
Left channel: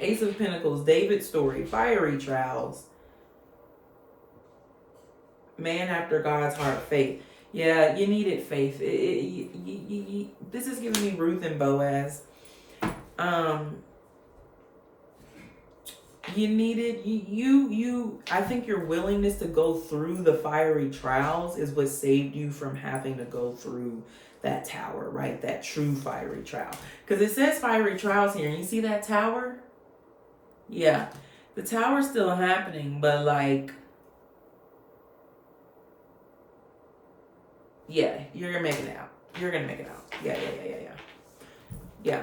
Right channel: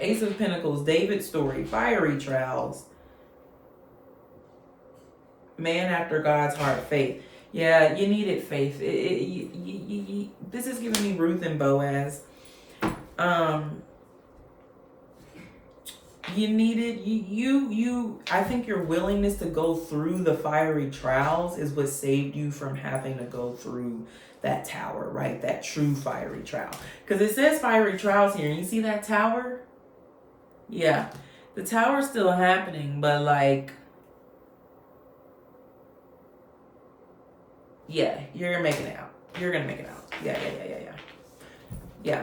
Ace of Pentacles, David's story, fiery trials. Man after God's heart, faith. Yeah, you needed faith. This is giving me Ruth and Boaz. You needed I think your willingness to go through the fiery trials is what saved you from having to go through that tower, right? That true fiery trial. Because it says fiery trials here. And you see that tower? Yeah. The tower's still happening, but like, yeah, you're making it out. You're gonna make it out. Yeah. Yeah.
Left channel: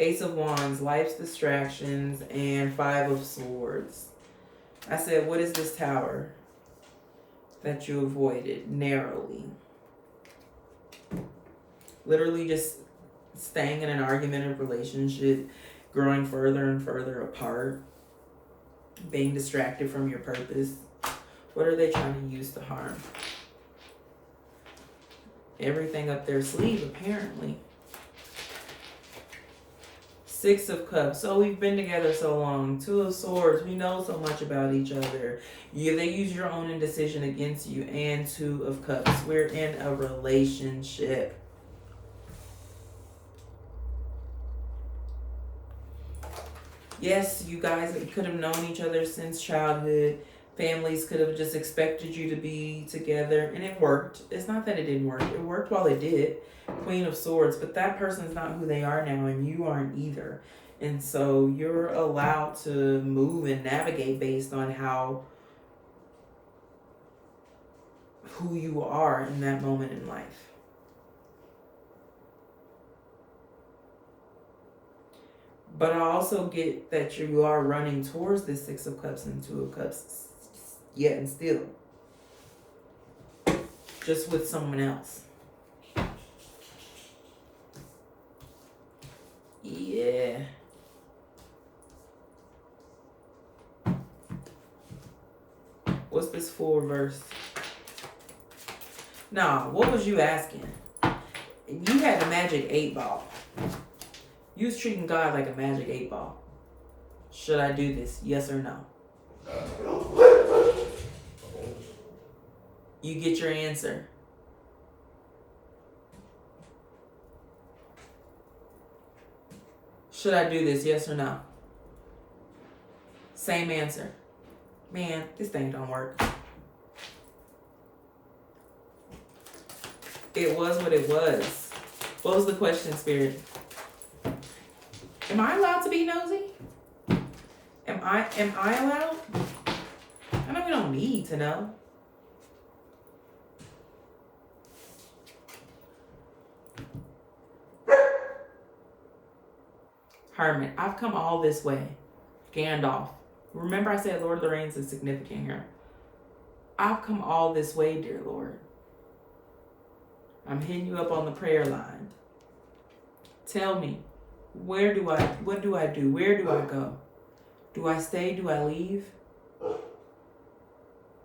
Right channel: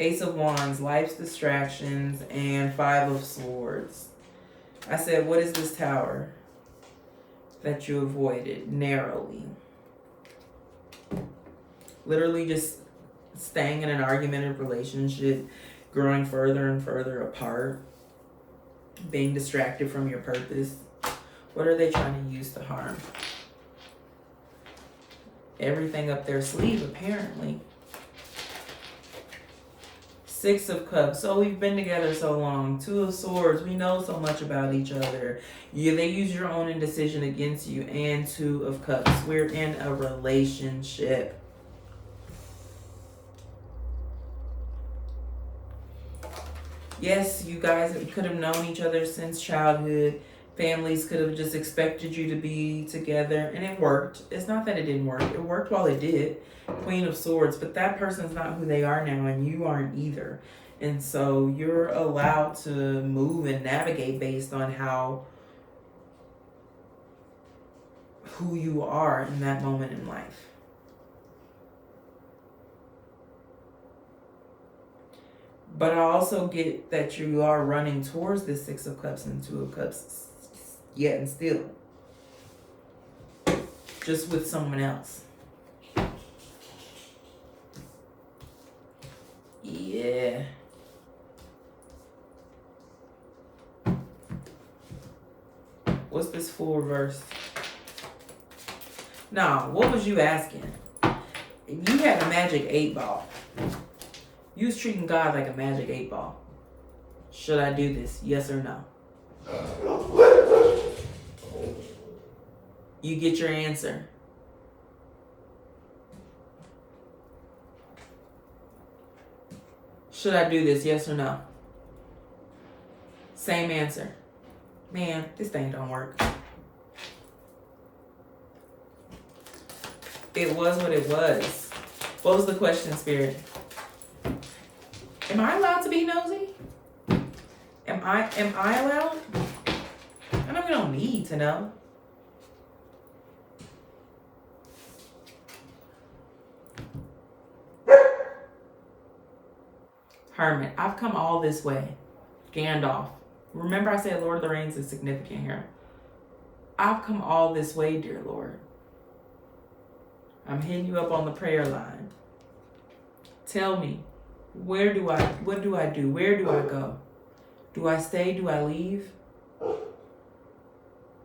Ace of Wands, life's distractions, and Five of Swords. I said, what is this tower that you avoided narrowly? Literally just staying in an argumentative relationship, growing further and further apart, being distracted from your purpose. What are they trying to use to harm? Everything up their sleeve, apparently. Six of Cups. So we've been together so long. Two of Swords. We know so much about each other. They use your own indecision against you. And Two of Cups. We're in a relationship. Yes, you guys could have known each other since childhood. Families could have just expected you to be together. And it worked. It's not that it didn't work. It worked while it did. Queen of Swords. But that person's not who they are now. And you aren't either. And so you're allowed to move and navigate based on who you are in that moment in life. But I also get that you are running towards this Six of Cups and Two of Cups yet and still. Just with someone else. Yeah. What's this full reverse? Nah, what was you asking? You had a magic 8-ball. You was treating God like a magic 8-ball. Should I do this? Yes or no? You get your answer. Should I do this? Yes or no? Same answer. Man, this thing don't work. It was what it was. What was the question, Spirit? Am I allowed to be nosy? Am I allowed? I know we don't need to know. Hermit, I've come all this way. Gandalf. Remember I said Lord of the Rings is significant here. I've come all this way, dear Lord. I'm hitting you up on the prayer line. Tell me, what do I do? Where do I go? Do I stay? Do I leave?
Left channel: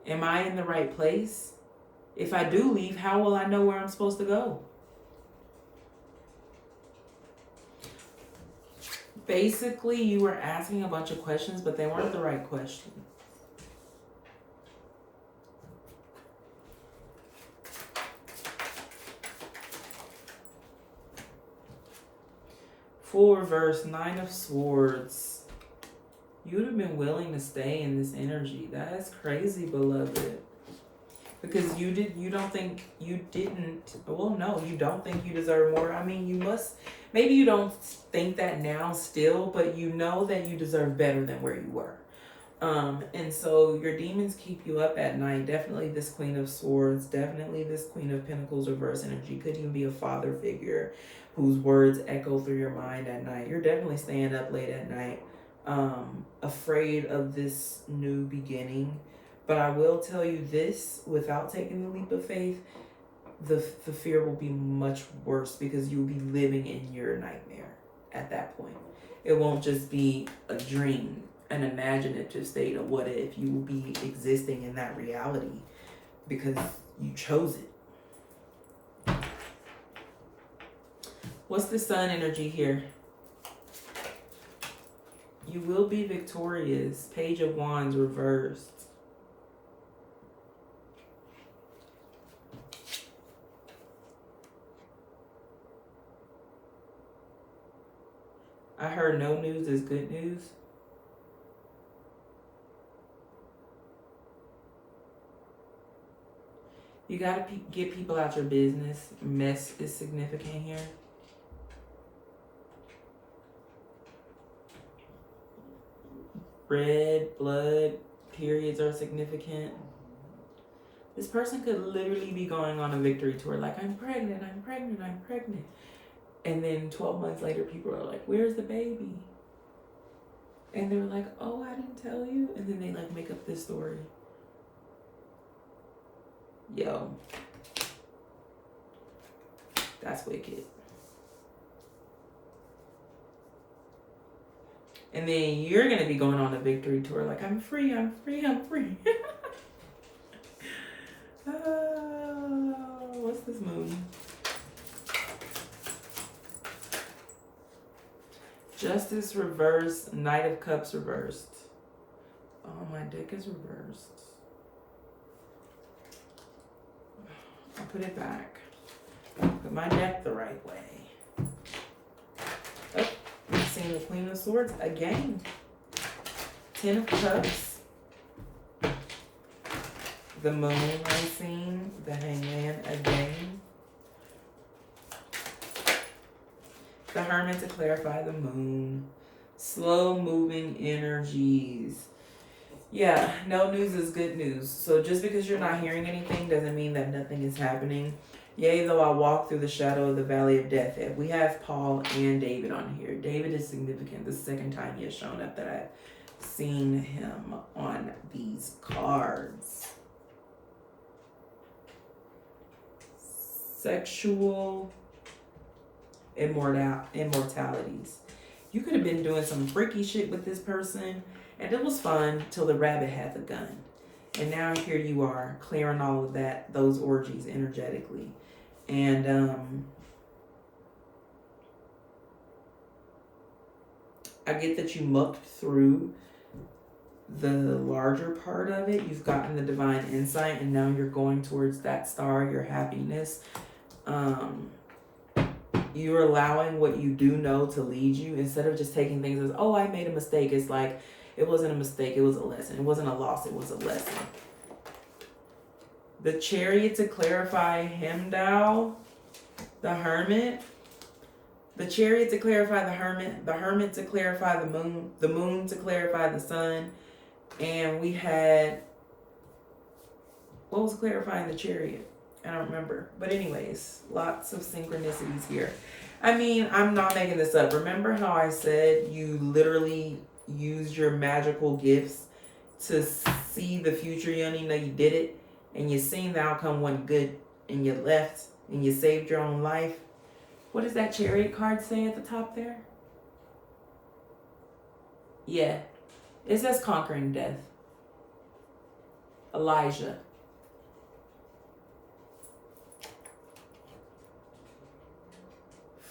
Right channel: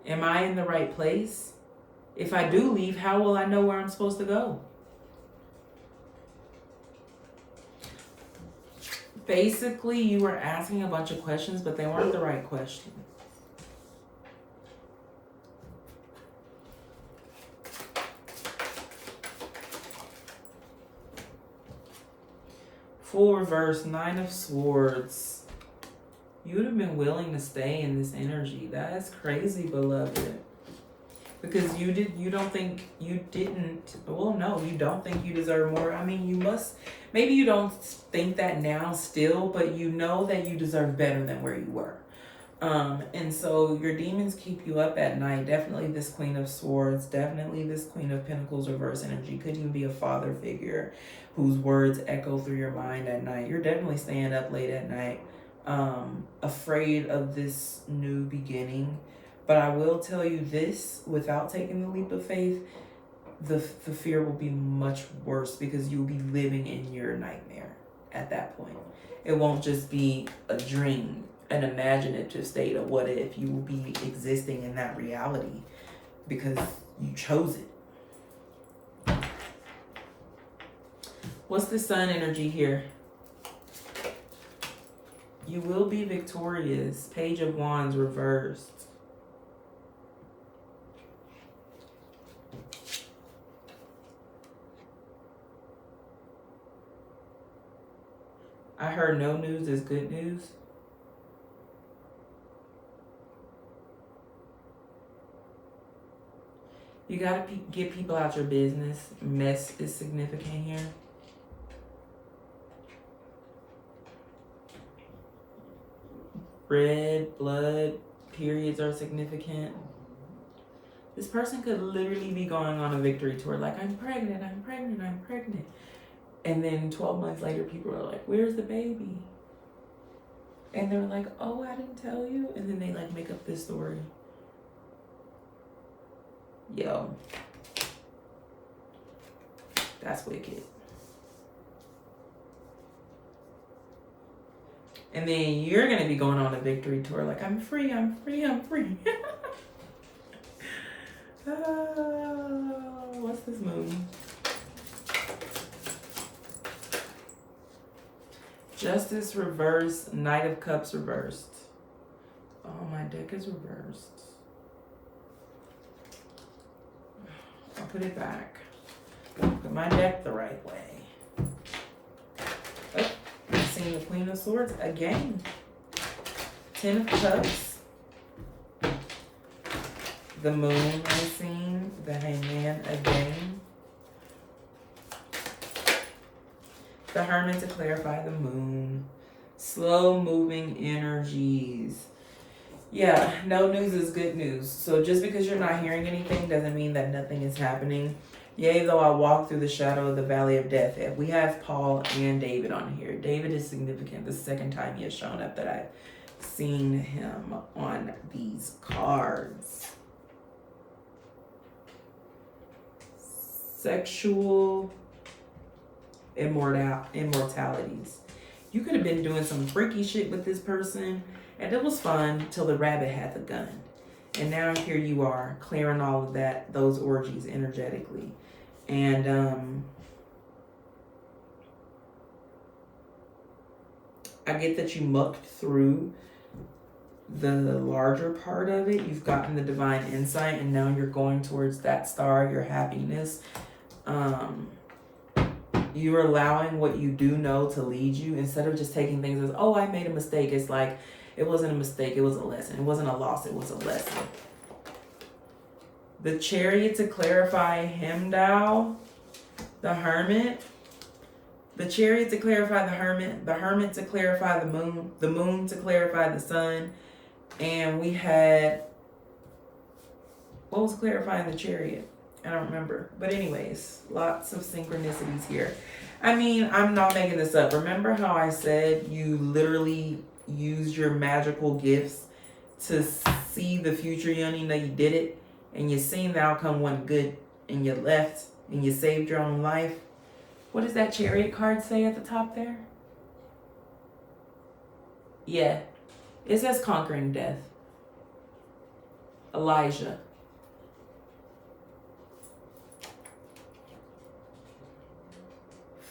Am I in the right place? If I do leave, how will I know where I'm supposed to go? Basically, you were asking a bunch of questions, but they weren't the right questions. Full reverse, Nine of Swords. You would have been willing to stay in this energy. That is crazy, beloved. Because you don't think you didn't, well, no, you don't think you deserve more. I mean, you must, maybe you don't think that now still, but you know that you deserve better than where you were. And so your demons keep you up at night. Definitely this Queen of Swords, definitely this Queen of Pentacles reverse energy. Could even be a father figure whose words echo through your mind at night. You're definitely staying up late at night, afraid of this new beginning. But I will tell you this, without taking the leap of faith, the fear will be much worse because you will be living in your nightmare at that point. It won't just be a dream, an imaginative state of what if. You will be existing in that reality because you chose it. What's the sun energy here? You will be victorious. Page of Wands reversed. I heard no news is good news. You gotta get people out your business. Mess is significant here. Red blood periods are significant. This person could literally be going on a victory tour like, I'm pregnant, I'm pregnant, I'm pregnant. And then 12 months later, people are like, where's the baby? And they're like, oh, I didn't tell you. And then they like make up this story. Yo, that's wicked. And then you're going to be going on a victory tour like, I'm free, I'm free, I'm free. What's this moon? Justice reversed, Knight of Cups reversed. Oh, my deck is reversed. I'll put it back. Put my deck the right way. Oh, I'm seeing the Queen of Swords again. 10 of Cups. The Moon I'm seeing. The Hangman again. The Hermit to clarify the Moon. Slow moving energies. Yeah, no news is good news. So just because you're not hearing anything doesn't mean that nothing is happening. Yea, though I walk through the shadow of the valley of death. We have Paul and David on here. David is significant. The second time he has shown up that I've seen him on these cards. Sexual immortalities. You could have been doing some freaky shit with this person and it was fun till the rabbit had the gun. And now here you are clearing all of that, those orgies energetically. And I get that you mucked through the larger part of it. You've gotten the divine insight and now you're going towards that star, your happiness. You're allowing what you do know to lead you instead of just taking things as, oh, I made a mistake. It's like, it wasn't a mistake. It was a lesson. It wasn't a loss. It was a lesson. The Chariot to clarify Heimdall, the Hermit. The Chariot to clarify the Hermit to clarify the Moon to clarify the Sun. And we had, what was clarifying the Chariot? I don't remember. But anyways, lots of synchronicities here. I mean, I'm not making this up. Remember how I said you literally used your magical gifts to see the future? You don't even know you did it. And you seen the outcome wasn't good. And you left. And you saved your own life. What does that Chariot card say at the top there? Yeah. It says conquering death. Elijah.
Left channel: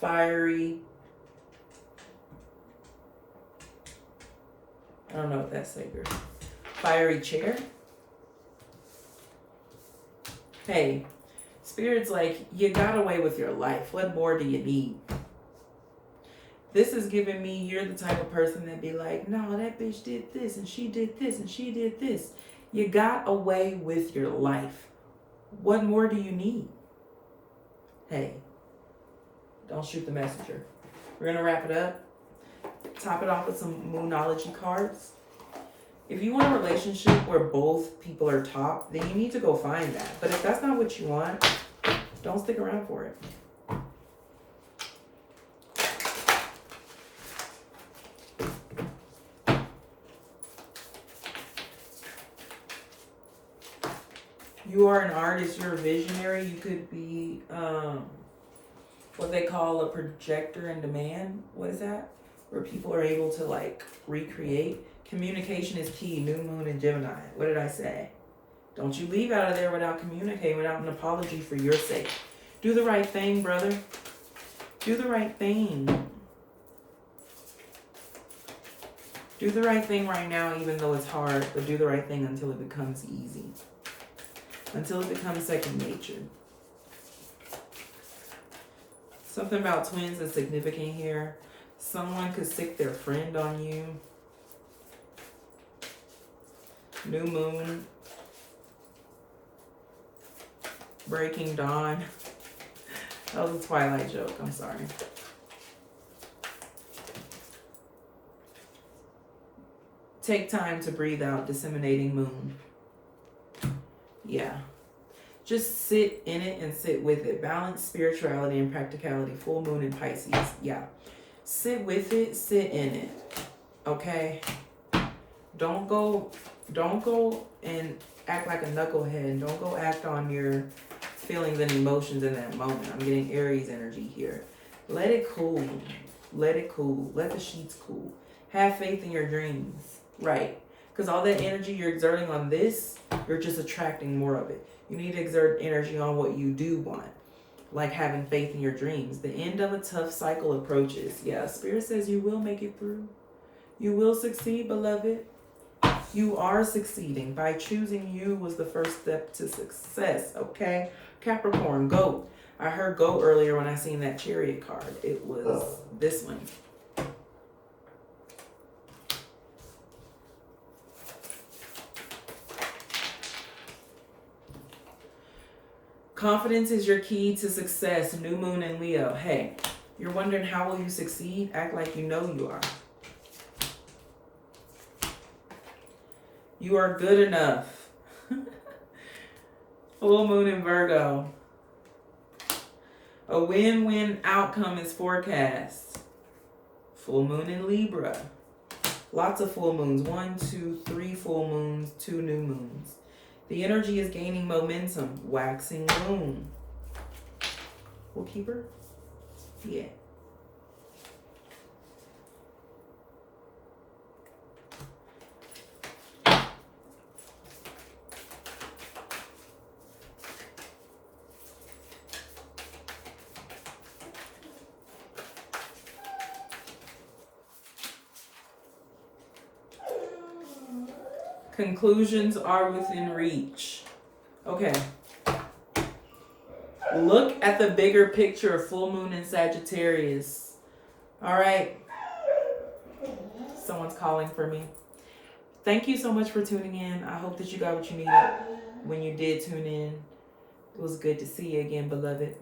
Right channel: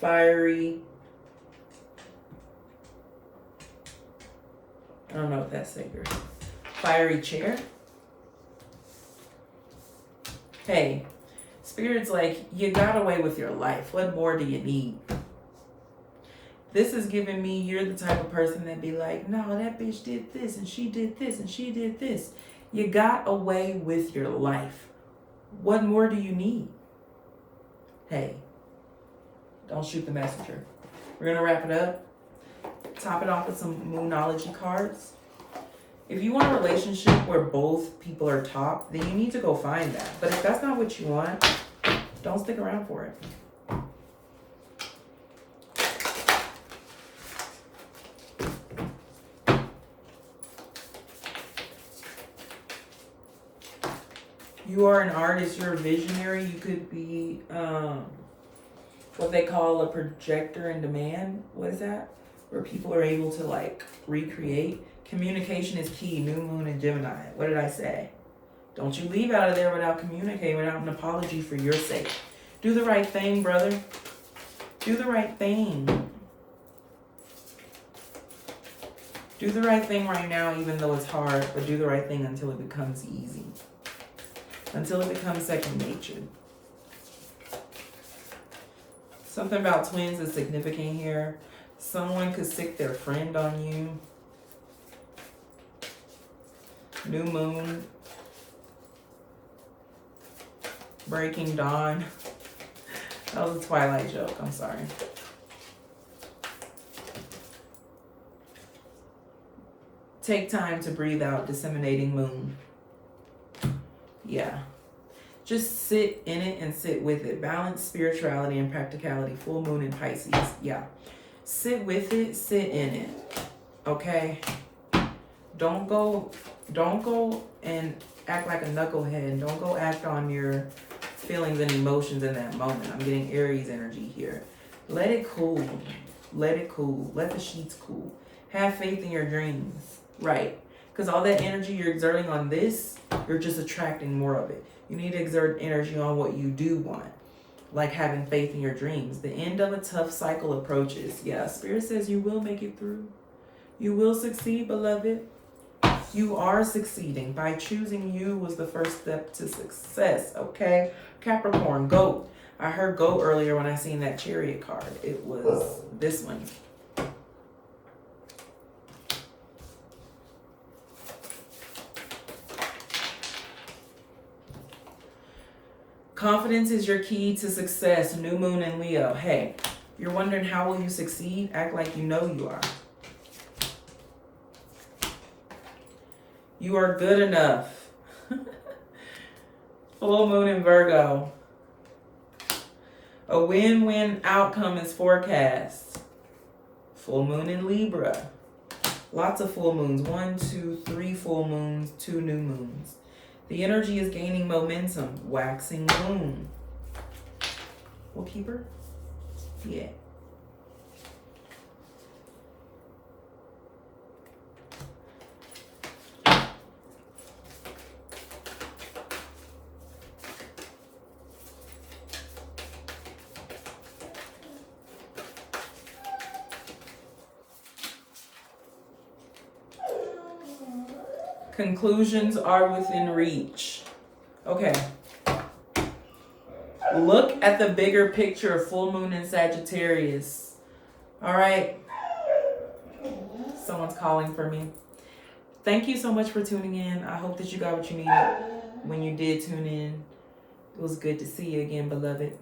Fiery. I don't know what that's saying. Fiery chair. Hey, Spirit's like, you got away with your life. What more do you need? This is giving me, you're the type of person that be like, no, that bitch did this and she did this and she did this. You got away with your life. What more do you need? Hey, don't shoot the messenger. We're going to wrap it up. Top it off with some Moonology cards. If you want a relationship where both people are top, then you need to go find that. But if that's not what you want, don't stick around for it. You are an artist, you're a visionary. You could be what they call a projector in demand. What is that? Where people are able to like recreate. Communication is key. New moon in Gemini. What did I say? Don't you leave out of there without communicating, without an apology for your sake. Do the right thing, brother. Do the right thing. Do the right thing right now, even though it's hard, but do the right thing until it becomes easy. Until it becomes second nature. Something about twins is significant here. Someone could sick their friend on you. New moon. Breaking dawn. That was a Twilight joke. I'm sorry. Take time to breathe out. Disseminating moon. Yeah. Just sit in it and sit with it. Balance spirituality and practicality. Full moon in Pisces. Yeah. Sit with it. Sit in it. Okay? Don't go and act like a knucklehead. Don't go act on your feelings and emotions in that moment. I'm getting Aries energy here. Let it cool. Let it cool. Let the sheets cool. Have faith in your dreams. Right. Because all that energy you're exerting on this, you're just attracting more of it. You need to exert energy on what you do want. Like having faith in your dreams. The end of a tough cycle approaches. Yeah, Spirit says you will make it through. You will succeed, beloved. You are succeeding. By choosing you was the first step to success, okay? Capricorn, goat. I heard goat earlier when I seen that Chariot card. It was this one. Confidence is your key to success. New moon in Leo. Hey, you're wondering how will you succeed? Act like you know you are. You are good enough. Full moon in Virgo. A win-win outcome is forecast. Full moon in Libra. Lots of full moons. 1, 2, 3 full moons, 2 new moons. The energy is gaining momentum. Waxing moon. We'll keep her? Yeah. Conclusions are within reach. Okay. Look at the bigger picture of full moon in Sagittarius. All right. Someone's calling for me. Thank you so much for tuning in. I hope that you got what you needed when you did tune in. It was good to see you again, beloved.